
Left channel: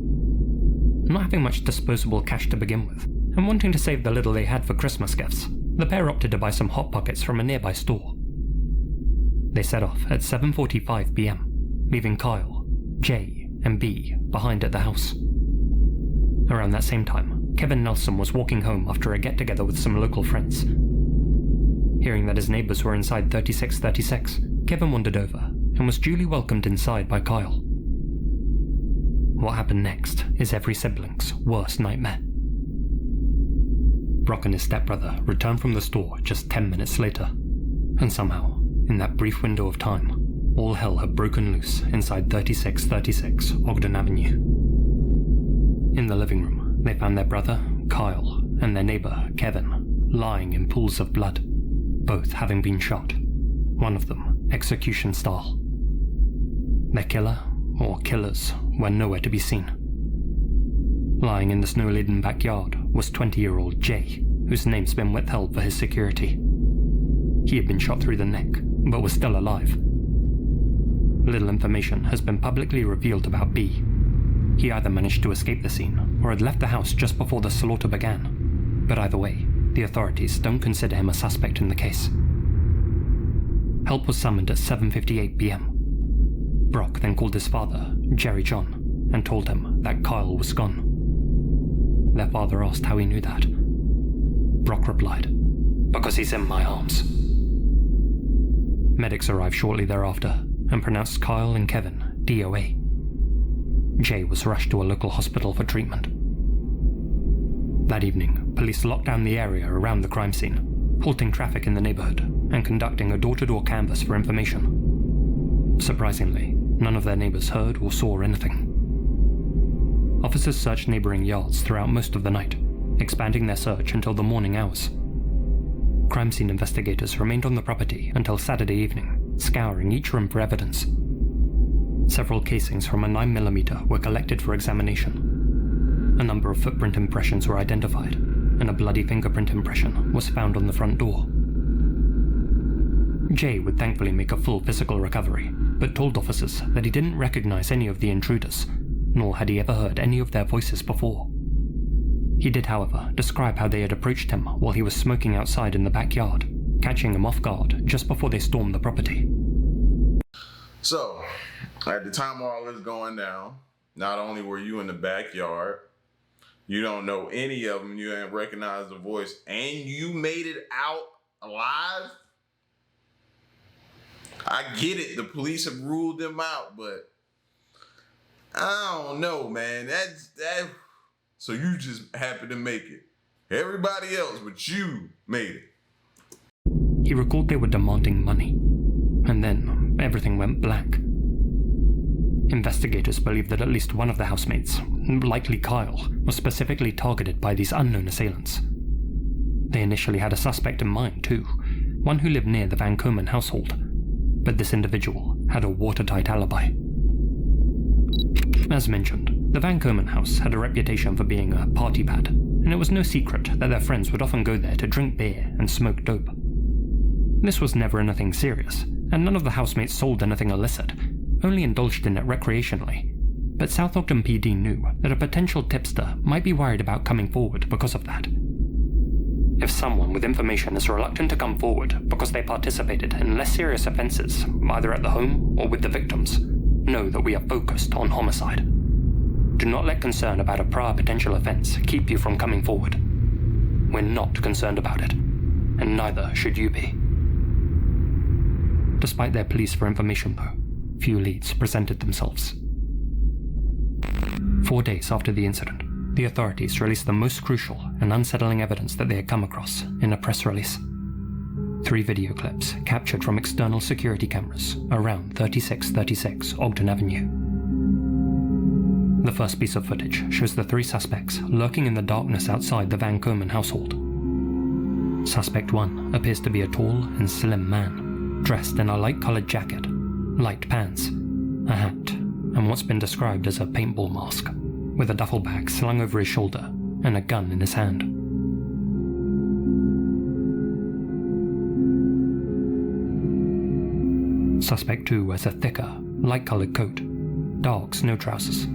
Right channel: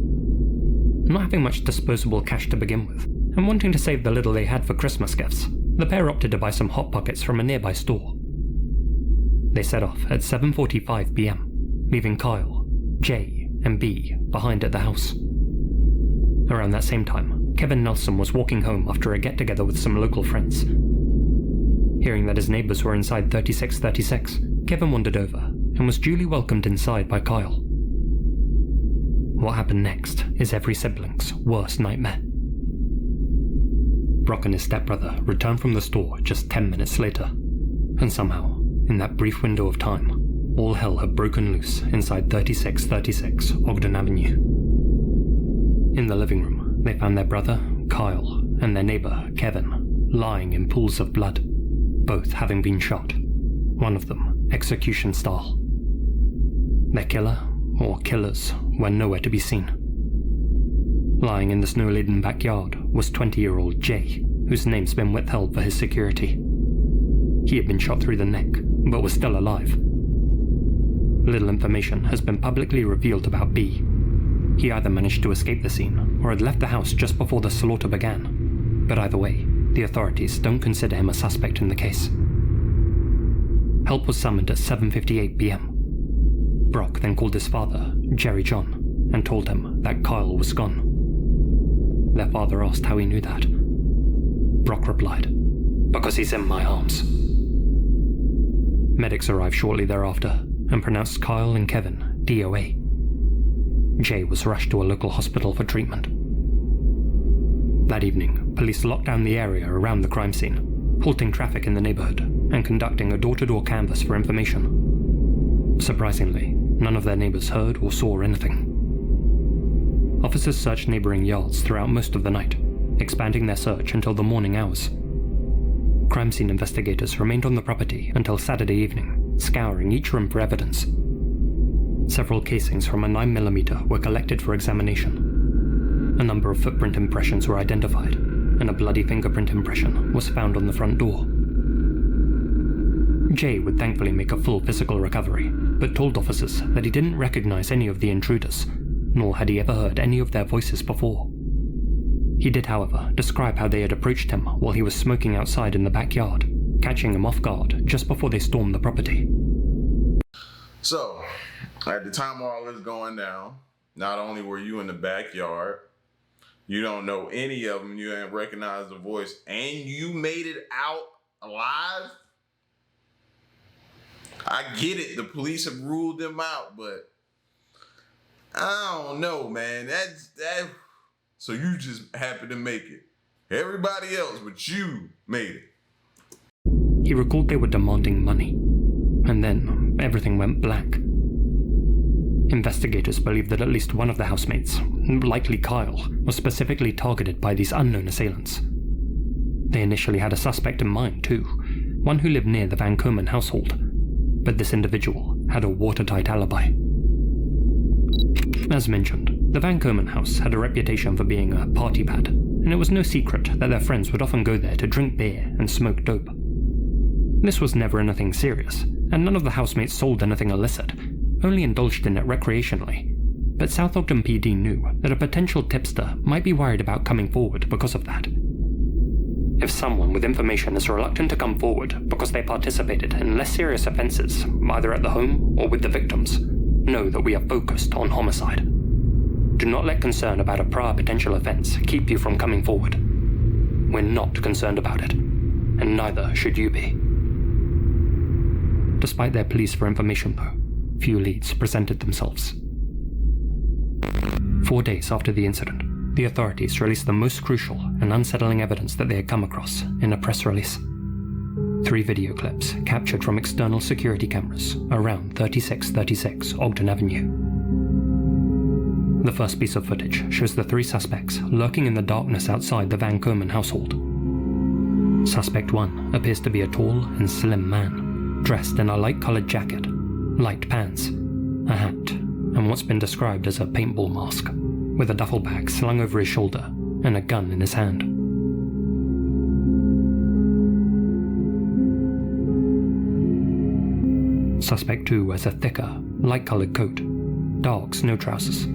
Not having much disposable cash to begin with, and wanting to save the little they had for Christmas gifts, the pair opted to buy some Hot Pockets from a nearby store. They set off at 7:45 p.m, leaving Kyle, Jay, and B behind at the house. Around that same time, Kevin Nelson was walking home after a get-together with some local friends. Hearing that his neighbours were inside 3636, Kevin wandered over and was duly welcomed inside by Kyle. What happened next is every sibling's worst nightmare. Brock and his stepbrother returned from the store just 10 minutes later, and somehow, in that brief window of time, all hell had broken loose inside 3636 Ogden Avenue. In the living room, they found their brother, Kyle, and their neighbour, Kevin, lying in pools of blood, both having been shot, one of them execution style. Their killer, or killers, were nowhere to be seen. Lying in the snow-laden backyard was 20-year-old Jay, whose name's been withheld for his security. He had been shot through the neck, but was still alive. Little information has been publicly revealed about B. He either managed to escape the scene, or had left the house just before the slaughter began. But either way, the authorities don't consider him a suspect in the case. Help was summoned at 7:58 p.m. Brock then called his father, Jerry John, and told him that Kyle was gone. Their father asked how he knew that. Brock replied, "Because he's in my arms." Medics arrived shortly thereafter and pronounced Kyle and Kevin DOA. Jay was rushed to a local hospital for treatment. That evening, police locked down the area around the crime scene, halting traffic in the neighborhood and conducting a door-to-door canvass for information. Surprisingly, none of their neighbors heard or saw anything. Officers searched neighboring yards throughout most of the night, expanding their search until the morning hours. Crime scene investigators remained on the property until Saturday evening, scouring each room for evidence. Several casings from a 9mm were collected for examination. A number of footprint impressions were identified, and a bloody fingerprint impression was found on the front door. Jay would thankfully make a full physical recovery, but told officers that he didn't recognize any of the intruders, nor had he ever heard any of their voices before. He did, however, describe how they had approached him while he was smoking outside in the backyard, catching him off guard just before they stormed the property. So, at the time all this going down, not only were you in the backyard, you don't know any of them, you didn't recognize the voice, and you made it out alive? I get it, the police have ruled them out, but I don't know, man. That. So you just happened to make it. Everybody else but you made it. He recalled they were demanding money, and then everything went black. Investigators believe that at least one of the housemates, likely Kyle, was specifically targeted by these unknown assailants. They initially had a suspect in mind too, one who lived near the Van Komen household, but this individual had a watertight alibi. As mentioned, the Van Komen house had a reputation for being a party pad, and it was no secret that their friends would often go there to drink beer and smoke dope. This was never anything serious, and none of the housemates sold anything illicit, only indulged in it recreationally. But South Ogden PD knew that a potential tipster might be worried about coming forward because of that. If someone with information is reluctant to come forward because they participated in less serious offences, either at the home or with the victims, know that we are focused on homicide. Do not let concern about a prior potential offence keep you from coming forward. We're not concerned about it, and neither should you be. Despite their pleas for information though, few leads presented themselves. 4 days after the incident, the authorities released the most crucial and unsettling evidence that they had come across in a press release. 3 video clips captured from external security cameras around 3636 Ogden Avenue. The first piece of footage shows the 3 suspects lurking in the darkness outside the Van Komen household. Suspect 1 appears to be a tall and slim man, dressed in a light-coloured jacket, light pants, a hat, and what's been described as a paintball mask, with a duffel bag slung over his shoulder and a gun in his hand. Suspect 2 wears a thicker, light-coloured coat, dark snow trousers,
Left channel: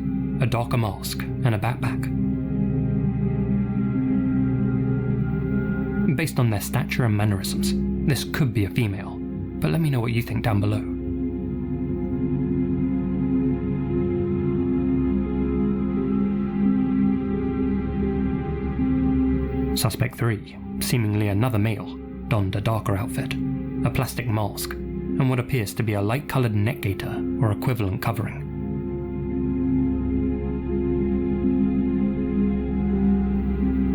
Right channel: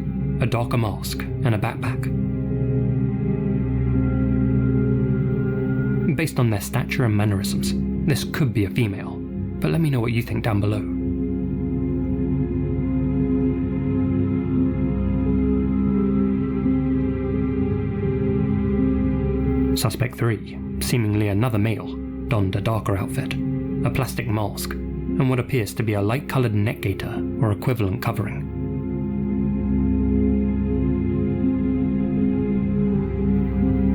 a darker mask, and a backpack. Based on their stature and mannerisms, this could be a female, but let me know what you think down below. Suspect 3, seemingly another male, donned a darker outfit, a plastic mask, and what appears to be a light-coloured neck gaiter or equivalent covering.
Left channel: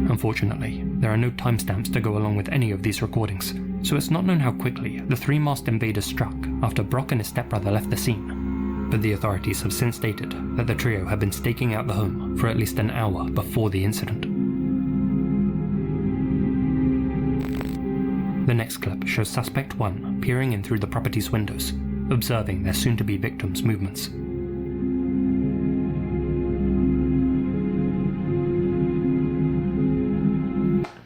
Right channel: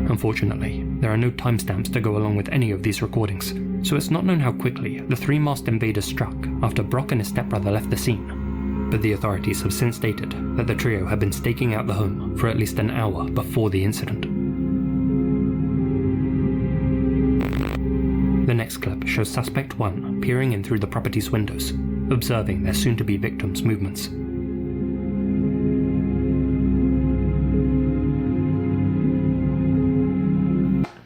Unfortunately, there are no timestamps to go along with any of these recordings, so it's not known how quickly the 3 masked invaders struck after Brock and his stepbrother left the scene, but the authorities have since stated that the trio had been staking out the home for at least an hour before the incident. The next clip shows Suspect 1 peering in through the property's windows, observing their soon-to-be victims' movements.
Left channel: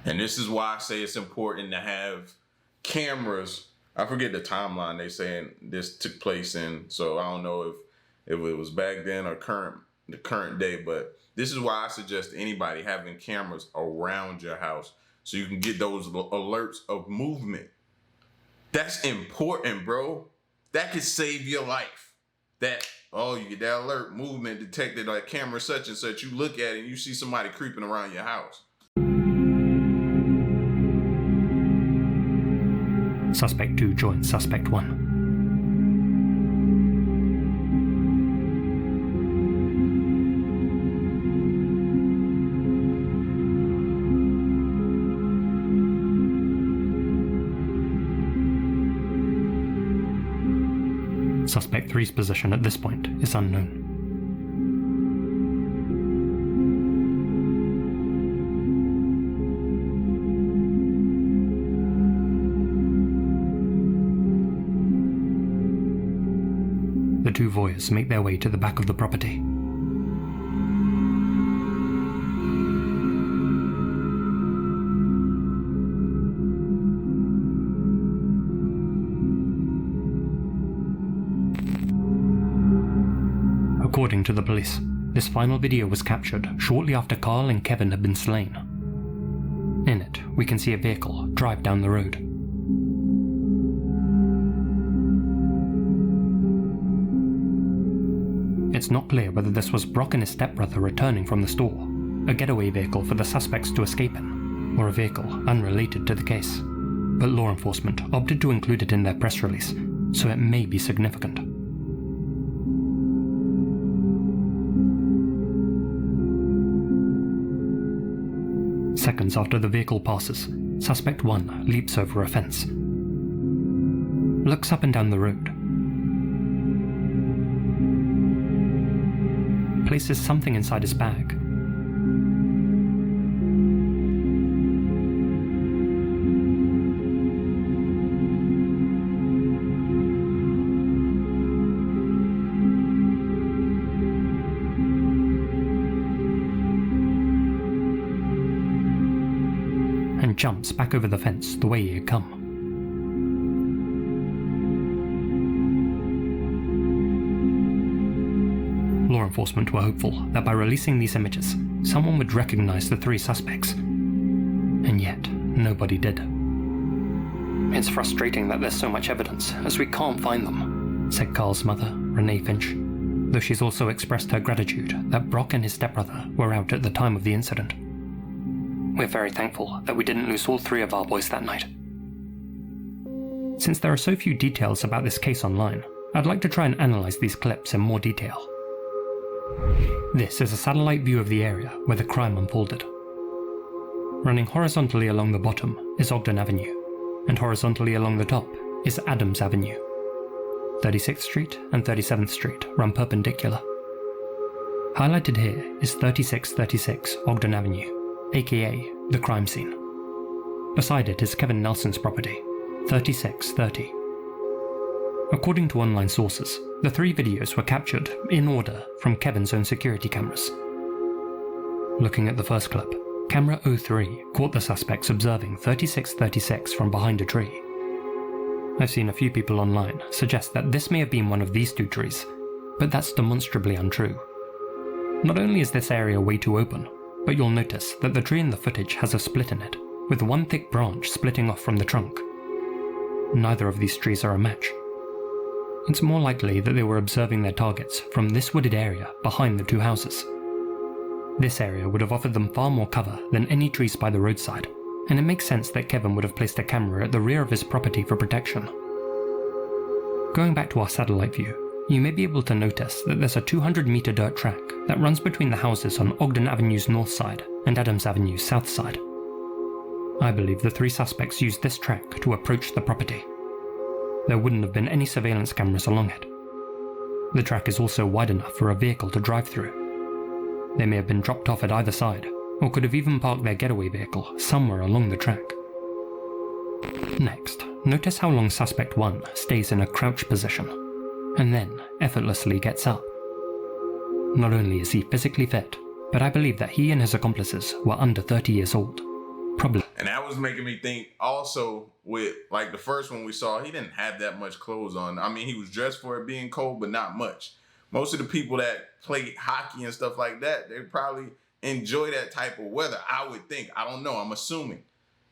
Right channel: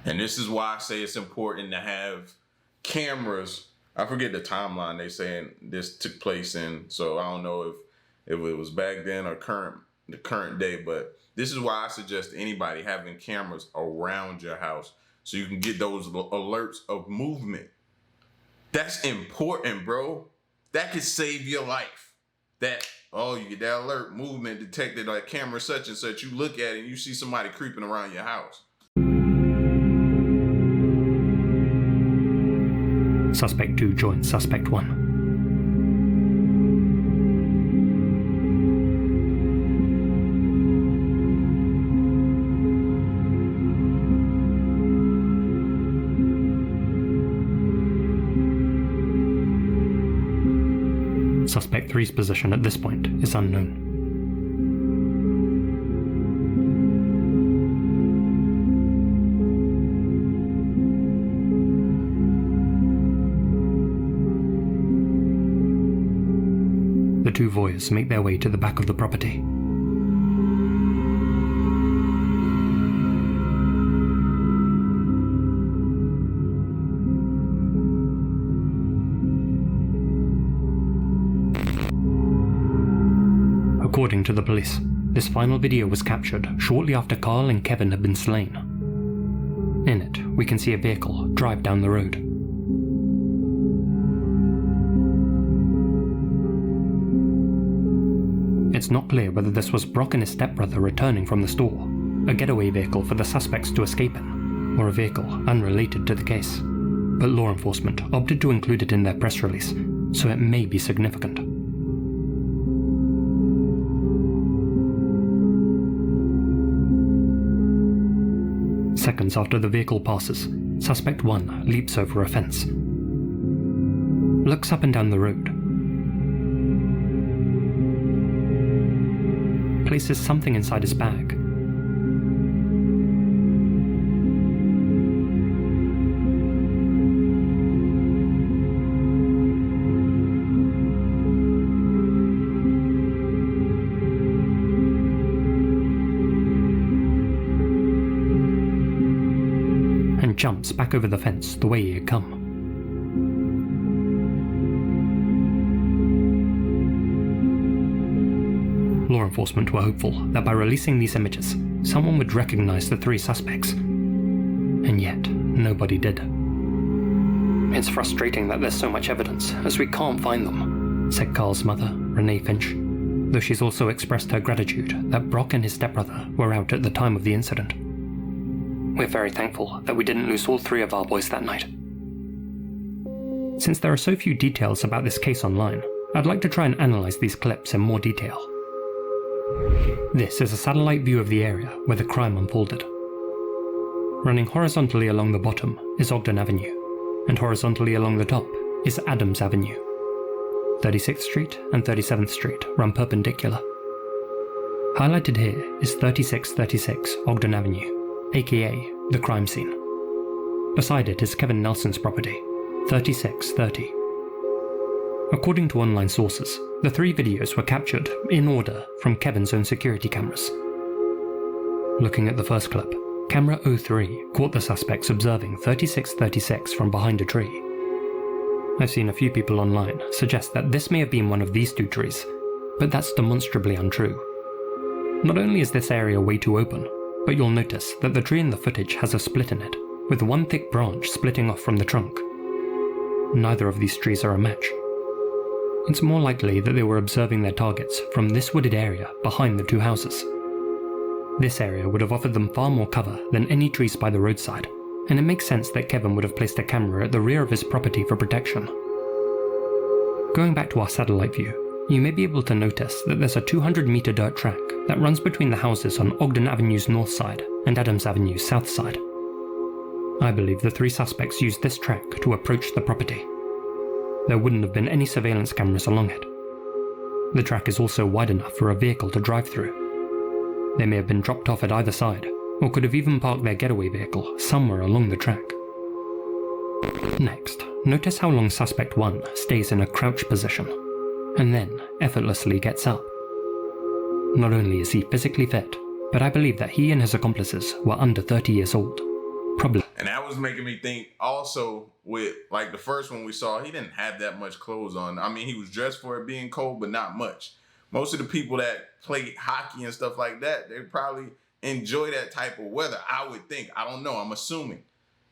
And this is why I say it's important to have cameras. I forget the timeline they saying this took place in, so I don't know if it was back then or the current day, but this is why I suggest anybody having cameras around your house so you can get those alerts of movement. That's important, bro. That could save your life. You get that alert, movement detected on camera such and such, you look at it and you see somebody creeping around your house. Suspect 2 joins Suspect 1. Suspect 3's position at this point is unknown. The 2 voyeurs make their way to the back of the property. According to the police, this final video was captured shortly after Carl and Kevin had been slain. In it, we can see a vehicle drive down the road. It's not clear whether this was Brock and his stepbrother returning from the store, a getaway vehicle for the suspects to escape in, or a vehicle unrelated to the case. But law enforcement opted to include it in their press release, so it may be significant. Seconds after the vehicle passes, suspect 1 leaps over a fence, looks up and down the road, places something inside his bag, and jumps back over the fence the way he had come. Law enforcement were hopeful that by releasing these images, someone would recognize the 3 suspects. And yet, nobody did. "It's frustrating that there's so much evidence, as we can't find them," said Carl's mother, Renee Finch, though she's also expressed her gratitude that Brock and his stepbrother were out at the time of the incident. "We're very thankful that we didn't lose all 3 of our boys that night." Since there are so few details about this case online, I'd like to try and analyze these clips in more detail. This is a satellite view of the area where the crime unfolded. Running horizontally along the bottom is Ogden Avenue, and horizontally along the top is Adams Avenue. 36th Street and 37th Street run perpendicular. Highlighted here is 3636 Ogden Avenue, aka the crime scene. Beside it is Kevin Nelson's property, 3630. According to online sources, the 3 videos were captured in order from Kevin's own security cameras. Looking at the first clip, camera 03 caught the suspects observing 3636 from behind a tree. I've seen a few people online suggest that this may have been one of these 2 trees, but that's demonstrably untrue. Not only is this area way too open, but you'll notice that the tree in the footage has a split in it, with one thick branch splitting off from the trunk. Neither of these trees are a match. It's more likely that they were observing their targets from this wooded area behind the 2 houses. This area would have offered them far more cover than any trees by the roadside, and it makes sense that Kevin would have placed a camera at the rear of his property for protection. Going back to our satellite view, you may be able to notice that there's a 200-meter dirt track that runs between the houses on Ogden Avenue's north side and Adams Avenue's south side. I believe the 3 suspects used this track to approach the property. There wouldn't have been any surveillance cameras along it. The track is also wide enough for a vehicle to drive through. They may have been dropped off at either side, or could have even parked their getaway vehicle somewhere along the track. Next, notice how long suspect 1 stays in a crouch position, and then effortlessly gets up. Not only is he physically fit, but I believe that he and his accomplices were under 30 years old. Probably. And that was making me think also with like the first one we saw, he didn't have that much clothes on. I mean, he was dressed for it being cold, but not much. Most of the people that play hockey and stuff like that, they probably enjoy that type of weather, I would think. I don't know, I'm assuming.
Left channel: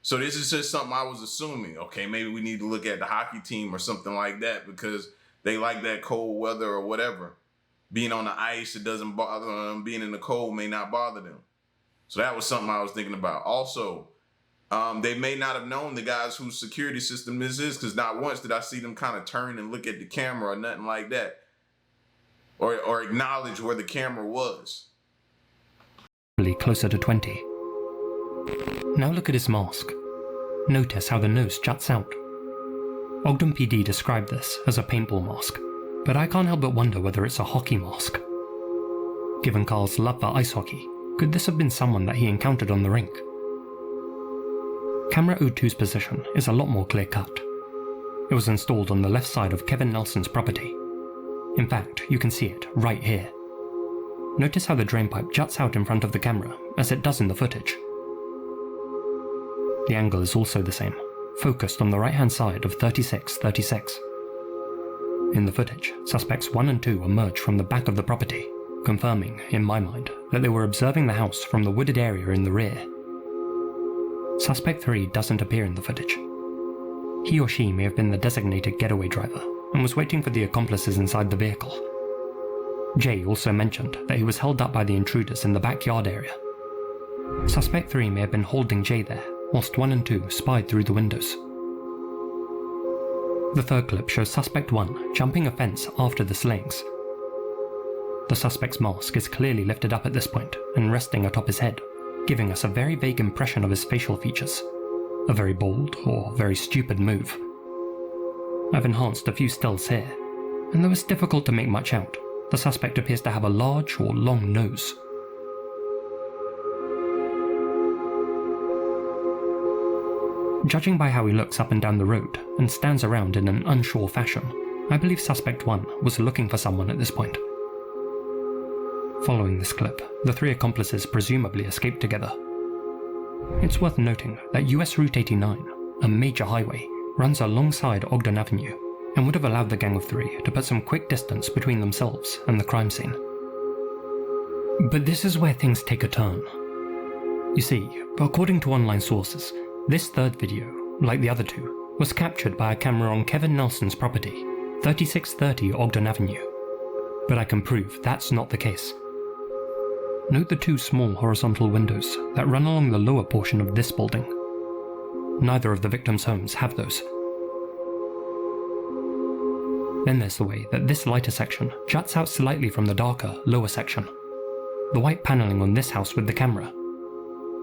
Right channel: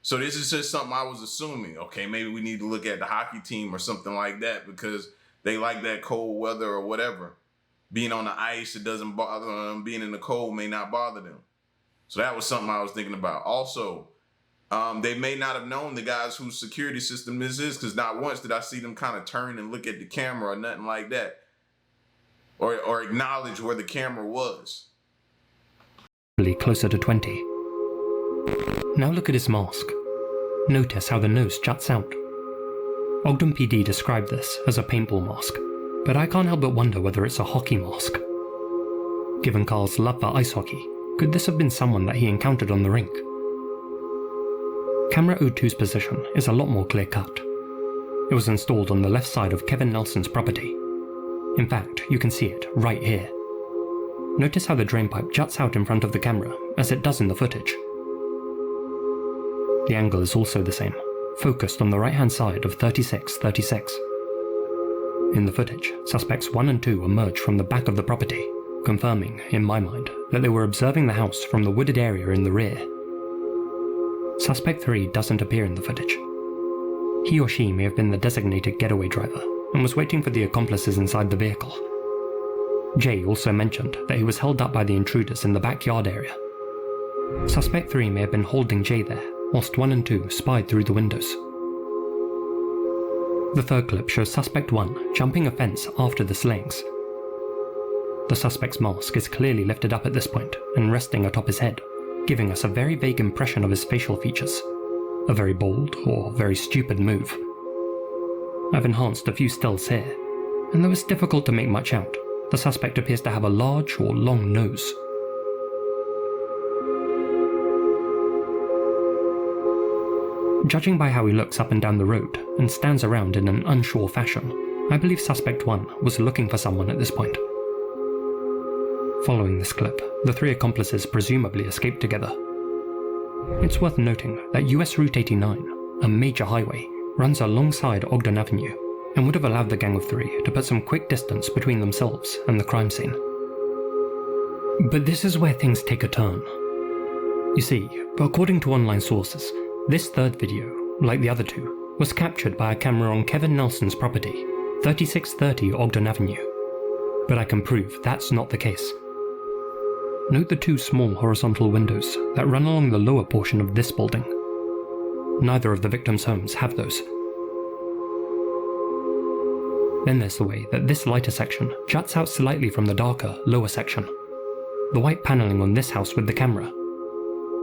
So this is just something I was assuming. Okay, maybe we need to look at the hockey team or something like that because they like that cold weather or whatever. Being on the ice, it doesn't bother them. Being in the cold may not bother them. So that was something I was thinking about. Also, they may not have known the guys whose security system this is because not once did I see them kind of turn and look at the camera or nothing like that. Or acknowledge where the camera was. Closer to 20. Now look at his mask. Notice how the nose juts out. Ogden PD described this as a paintball mask, but I can't help but wonder whether it's a hockey mask. Given Carl's love for ice hockey, could this have been someone that he encountered on the rink? Camera 02's position is a lot more clear-cut. It was installed on the left side of Kevin Nelson's property. In fact, you can see it right here. Notice how the drainpipe juts out in front of the camera, as it does in the footage. The angle is also the same, focused on the right-hand side of 3636. In the footage, suspects 1 and 2 emerge from the back of the property, confirming, in my mind, that they were observing the house from the wooded area in the rear. Suspect 3 doesn't appear in the footage. He or she may have been the designated getaway driver and was waiting for the accomplices inside the vehicle. Jay also mentioned that he was held up by the intruders in the backyard area. Suspect 3 may have been holding Jay there, whilst 1 and 2 spied through the windows. The third clip shows Suspect 1 jumping a fence after the slayings. The suspect's mask is clearly lifted up at this point and resting atop his head. giving us a very vague impression of his facial features. A very bold or very stupid move. I've enhanced a few stills here, and though it's difficult to make much out, the suspect appears to have a large or long nose. Judging by how he looks up and down the road and stands around in an unsure fashion, I believe Suspect 1 was looking for someone at this point. Following this clip, the three accomplices presumably escaped together. It's worth noting that US Route 89, a major highway, runs alongside Ogden Avenue and would have allowed the gang of three to put some quick distance between themselves and the crime scene. But this is where things take a turn. You see, according to online sources, this third video, like the other two, was captured by a camera on Kevin Nelson's property, 3630 Ogden Avenue. But I can prove that's not the case. Note the two small horizontal windows that run along the lower portion of this building. Neither of the victims' homes have those. Then there's the way that this lighter section juts out slightly from the darker, lower section. The white paneling on this house with the camera.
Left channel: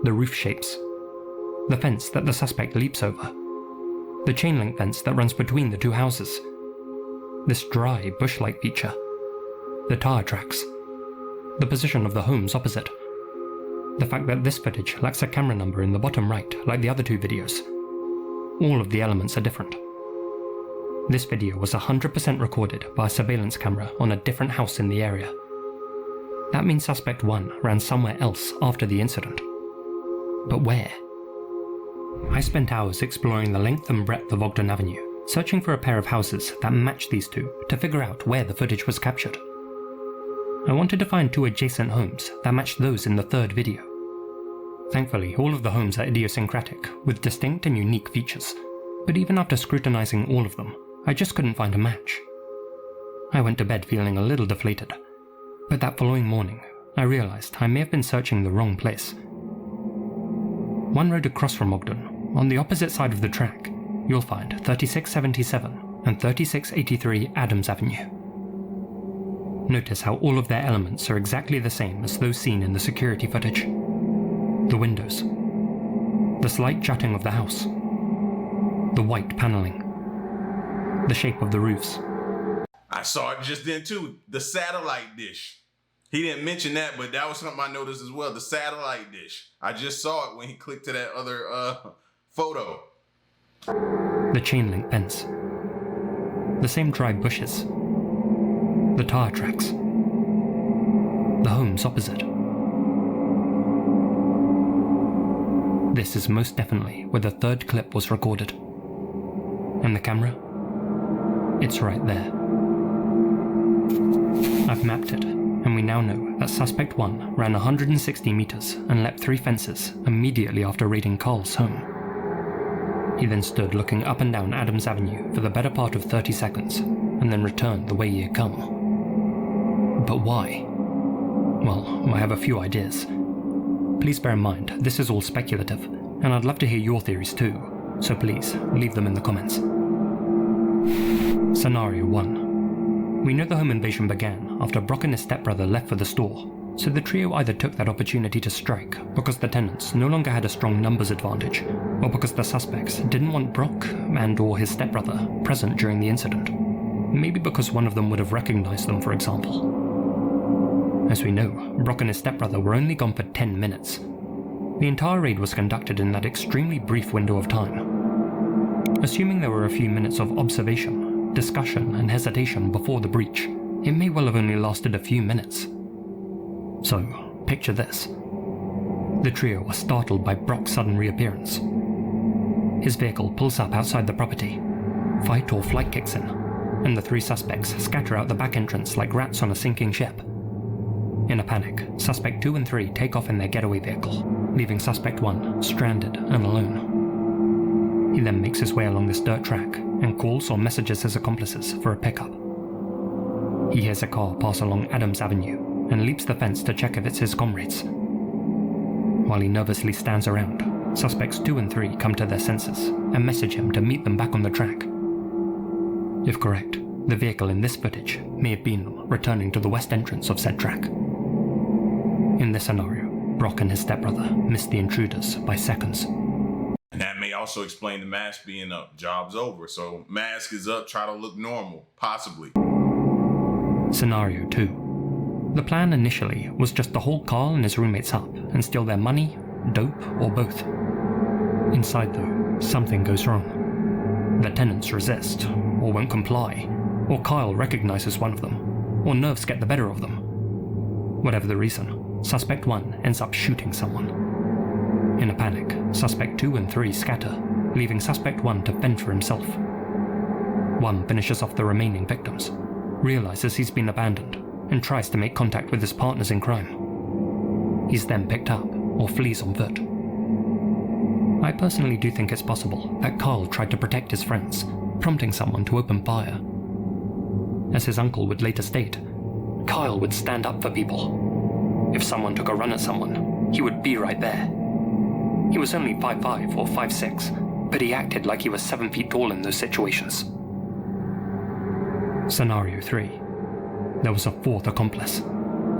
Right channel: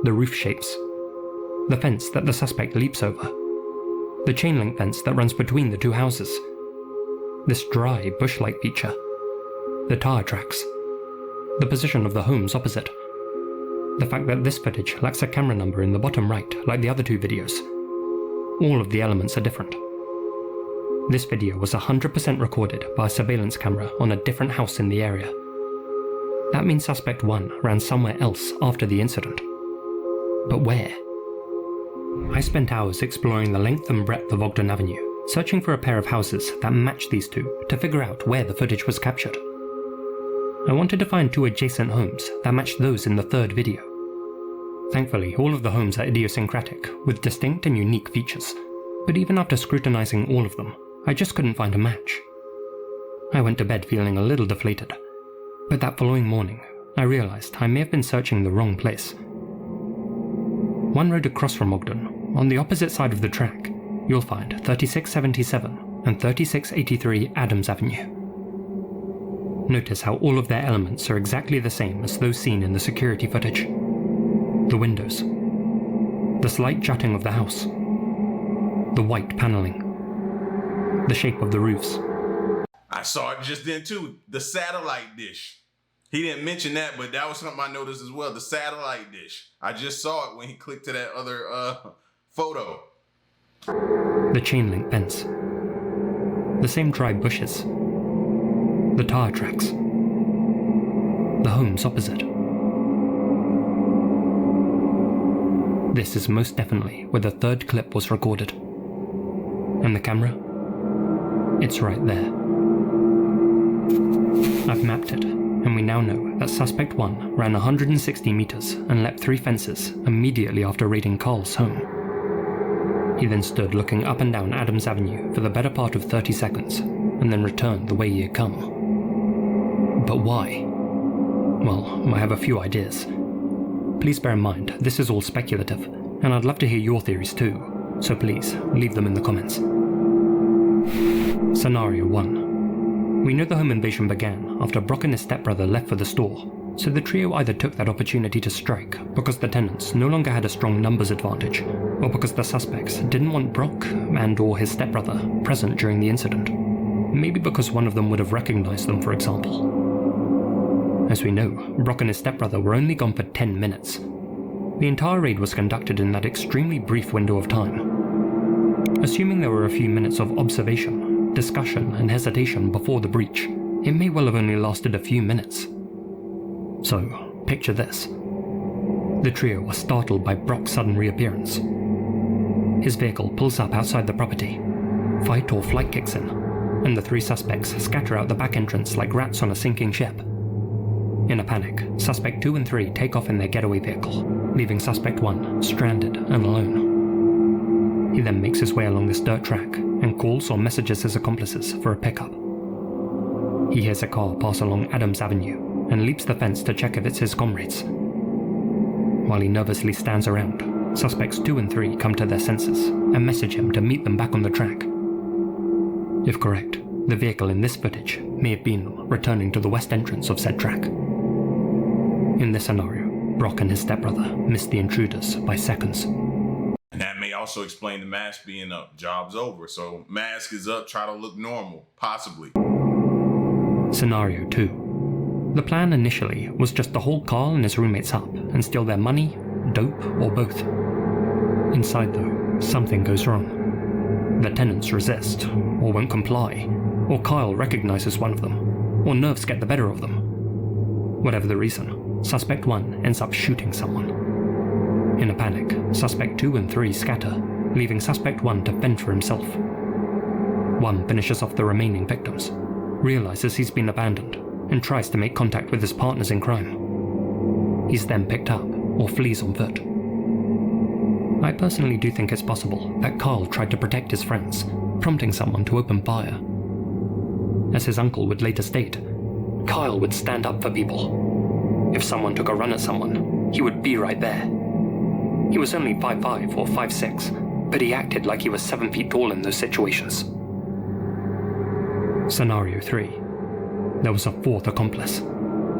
The roof shapes. The fence that the suspect leaps over. The chain link fence that runs between the two houses. This dry, bush-like feature. The tire tracks. The position of the homes opposite. The fact that this footage lacks a camera number in the bottom right, like the other two videos. All of the elements are different. This video was 100% recorded by a surveillance camera on a different house in the area. That means Suspect 1 ran somewhere else after the incident. But where? I spent hours exploring the length and breadth of Ogden Avenue, searching for a pair of houses that matched these two to figure out where the footage was captured. I wanted to find two adjacent homes that matched those in the third video. Thankfully, all of the homes are idiosyncratic, with distinct and unique features, but even after scrutinizing all of them, I just couldn't find a match. I went to bed feeling a little deflated, but that following morning, I realized I may have been searching the wrong place. One road across from Ogden, on the opposite side of the track, you'll find 3677 and 3683 Adams Avenue. Notice how all of their elements are exactly the same as those seen in the security footage. The windows. The slight jutting of the house. The white paneling. The shape of the roofs. I saw it just then too, the satellite dish. He didn't mention that, but that was something I noticed as well, the satellite dish. I just saw it when he clicked to that other photo. The chain link fence. The same dry bushes. The tire tracks. The homes opposite. This is most definitely where the third clip was recorded. And the camera? It's right there. I've mapped it, and we now know that Suspect 1 ran 160 meters and leapt 3 fences immediately after raiding Carl's home. He then stood looking up and down Adams Avenue for the better part of 30 seconds, and then returned the way he had come. But why? Well, I have a few ideas. Please bear in mind, this is all speculative, and I'd love to hear your theories too, so please, leave them in the comments. Scenario 1. We know the home invasion began after Brock and his stepbrother left for the store, so the trio either took that opportunity to strike because the tenants no longer had a strong numbers advantage, or because the suspects didn't want Brock and/or his stepbrother present during the incident. Maybe because one of them would have recognized them, for example. As we know, Brock and his stepbrother were only gone for 10 minutes. The entire raid was conducted in that extremely brief window of time. Assuming there were a few minutes of observation, discussion, and hesitation before the breach, it may well have only lasted a few minutes. So, picture this. The trio are startled by Brock's sudden reappearance. His vehicle pulls up outside the property. Fight or flight kicks in, and the 3 suspects scatter out the back entrance like rats on a sinking ship. In a panic, Suspect 2 and 3 take off in their getaway vehicle, leaving Suspect 1 stranded and alone. He then makes his way along this dirt track and calls or messages his accomplices for a pickup. He hears a car pass along Adams Avenue and leaps the fence to check if it's his comrades. While he nervously stands around, Suspects 2 and 3 come to their senses and message him to meet them back on the track. If correct, the vehicle in this footage may have been them returning to the west entrance of said track. In this scenario, Brock and his stepbrother missed the intruders by seconds. And that may also explain the mask being up. Job's over, so mask is up, try to look normal, possibly. Scenario 2. The plan initially was just to hold Carl and his roommates up and steal their money, dope, or both. Inside though, something goes wrong. The tenants resist, or won't comply, or Kyle recognizes one of them, or nerves get the better of them. Whatever the reason, Suspect 1 ends up shooting someone. In a panic, Suspect 2 and 3 scatter, leaving Suspect 1 to fend for himself. 1 finishes off the remaining victims, realizes he's been abandoned, and tries to make contact with his partners in crime. He's then picked up, or flees on foot. I personally do think it's possible that Carl tried to protect his friends, prompting someone to open fire. As his uncle would later state, Kyle would stand up for people. If someone took a run at someone, he would be right there. He was only 5'5" or 5'6", but he acted like he was 7 feet tall in those situations. Scenario 3. There was a fourth accomplice,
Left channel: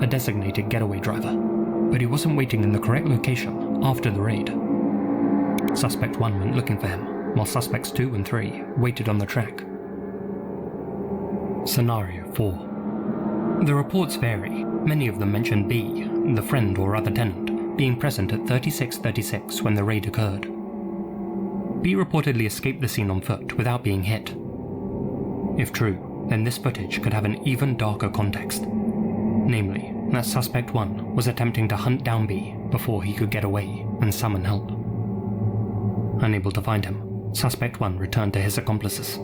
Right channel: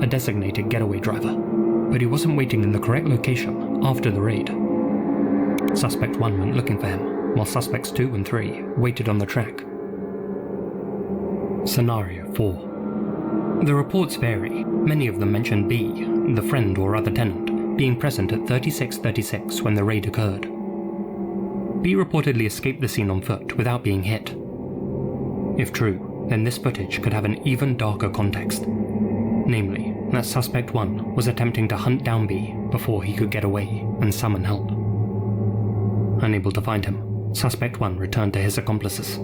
a designated getaway driver, but he wasn't waiting in the correct location after the raid. Suspect 1 went looking for him, while Suspects 2 and 3 waited on the track. Scenario 4. The reports vary. Many of them mention B, the friend or other tenant, being present at 3636 when the raid occurred. B reportedly escaped the scene on foot without being hit. If true, then this footage could have an even darker context. Namely, that Suspect 1 was attempting to hunt down B before he could get away and summon help. Unable to find him, Suspect 1 returned to his accomplices.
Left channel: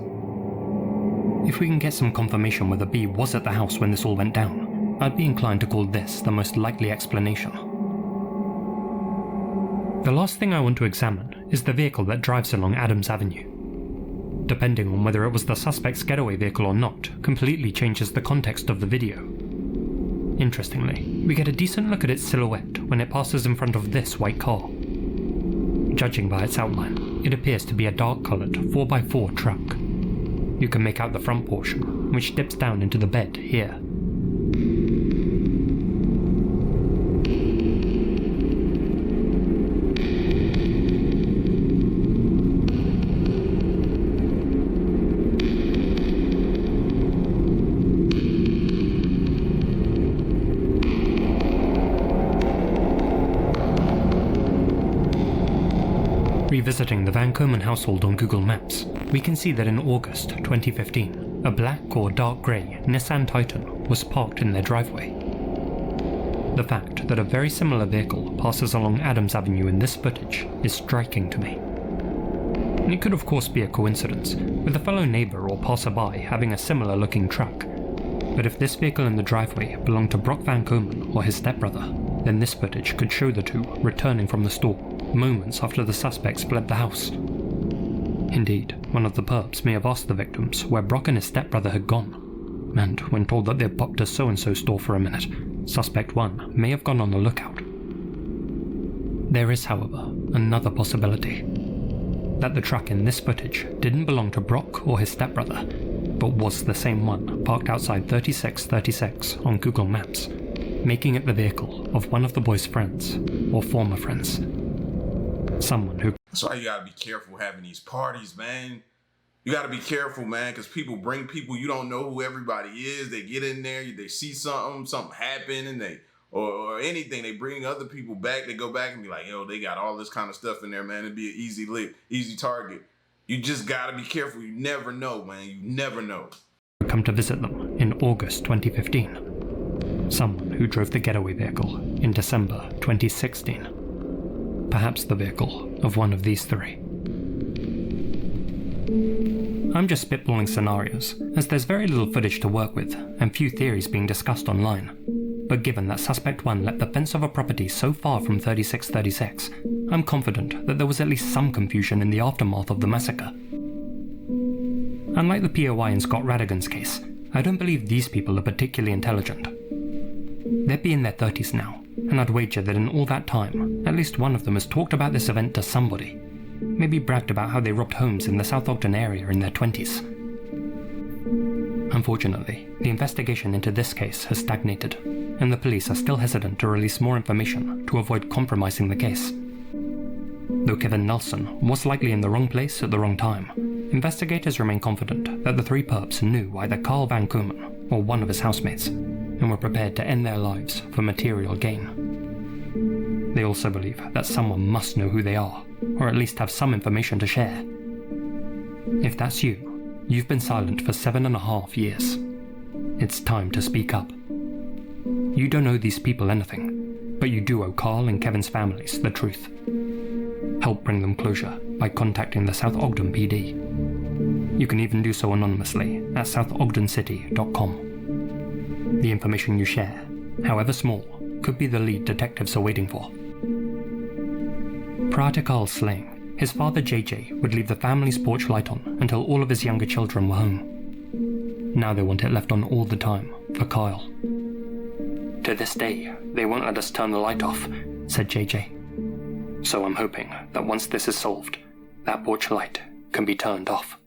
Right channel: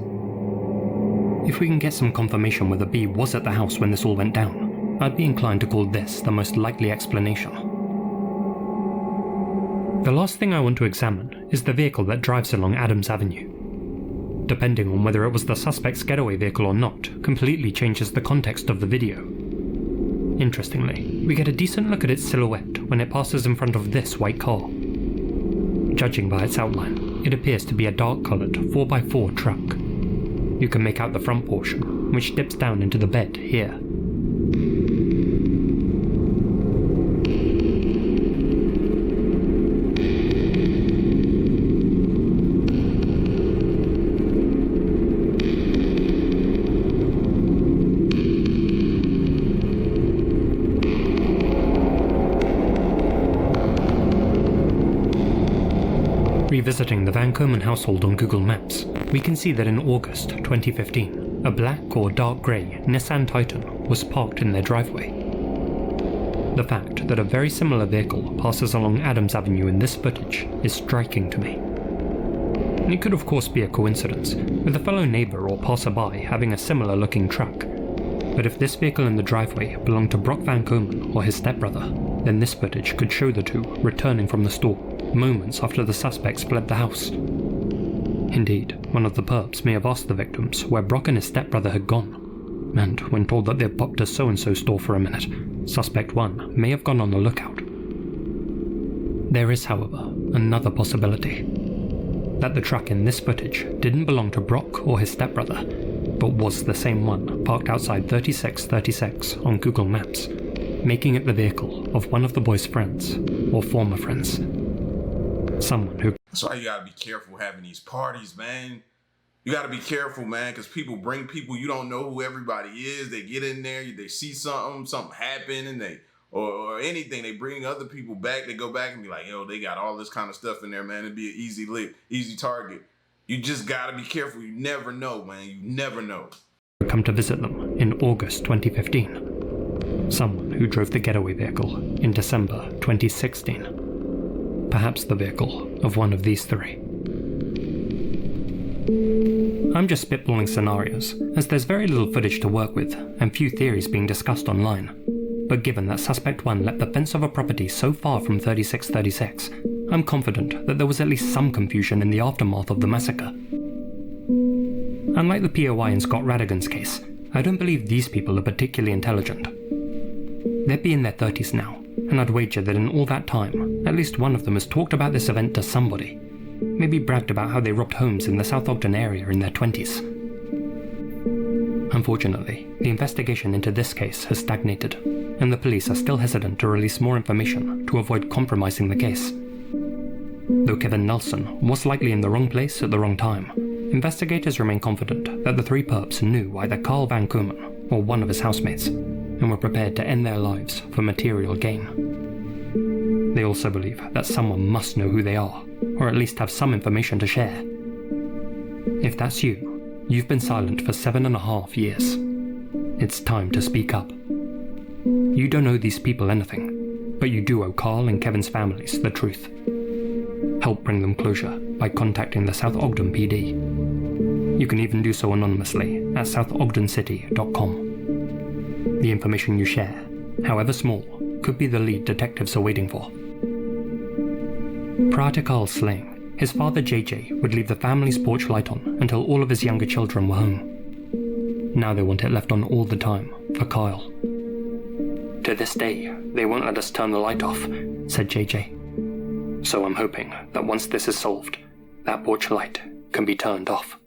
If we can get some confirmation whether B was at the house when this all went down, I'd be inclined to call this the most likely explanation. The last thing I want to examine is the vehicle that drives along Adams Avenue. Depending on whether it was the suspect's getaway vehicle or not, completely changes the context of the video. Interestingly, we get a decent look at its silhouette when it passes in front of this white car. Judging by its outline, it appears to be a dark-coloured 4x4 truck. You can make out the front portion, which dips down into the bed here. Revisiting the Van Komen household on Google Maps, we can see that in August 2015, a black or dark grey Nissan Titan was parked in their driveway. The fact that a very similar vehicle passes along Adams Avenue in this footage is striking to me. It could of course be a coincidence, with a fellow neighbour or passerby having a similar looking truck, but if this vehicle in the driveway belonged to Brock Van Komen or his stepbrother, then this footage could show the two returning from the store moments after the suspects fled the house. Indeed, one of the perps may have asked the victims where Brock and his stepbrother had gone, and when told that they'd popped to so-and-so store for a minute, Suspect 1 may have gone on the lookout. There is, however, another possibility. That the truck in this footage didn't belong to Brock or his stepbrother, but was the same one parked outside 3636 on Google Maps, making it the vehicle of one of the boys' friends, or former friends. Someone who... That's why you gotta be careful having these parties, man. You gotta be careful, man, because people bring people, you don't know who everybody is. They get in there, they see something happen, and or anything, they bring other people back. They go back and be like, yo, they got all this kind of stuff in there, man. It'd be an easy lick, easy target. You just gotta be careful. You never know, man. You never know. Come to visit them in August 2015. Someone who drove the getaway vehicle in December 2016. Perhaps the vehicle of one of these three. I'm just spitballing scenarios, as there's very little footage to work with and few theories being discussed online. But given that Suspect 1 leapt the fence of a property so far from 3636, I'm confident that there was at least some confusion in the aftermath of the massacre. Unlike the POI in Scott Radigan's case, I don't believe these people are particularly intelligent. They'd be in their 30s now, and I'd wager that in all that time, at least one of them has talked about this event to somebody. Maybe bragged about how they robbed homes in the South Ogden area in their 20s. Unfortunately, the investigation into this case has stagnated, and the police are still hesitant to release more information to avoid compromising the case. Though Kevin Nelson was likely in the wrong place at the wrong time, investigators remain confident that the three perps knew either Carl Van Koomen or one of his housemates, and were prepared to end their lives for material gain. They also believe that someone must know who they are, or at least have some information to share. If that's you, you've been silent for 7.5 years. It's time to speak up. You don't owe these people anything, but you do owe Carl and Kevin's families the truth. Help bring them closure by contacting the South Ogden PD. You can even do so anonymously at southogdencity.com. The information you share, however small, could be the lead detectives are waiting for. Prior to Carl's slaying, his father JJ would leave the family's porch light on until all of his younger children were home. Now they want it left on all the time for Kyle. To this day, they won't let us turn the light off, said JJ. So I'm hoping that once this is solved, that porch light can be turned off.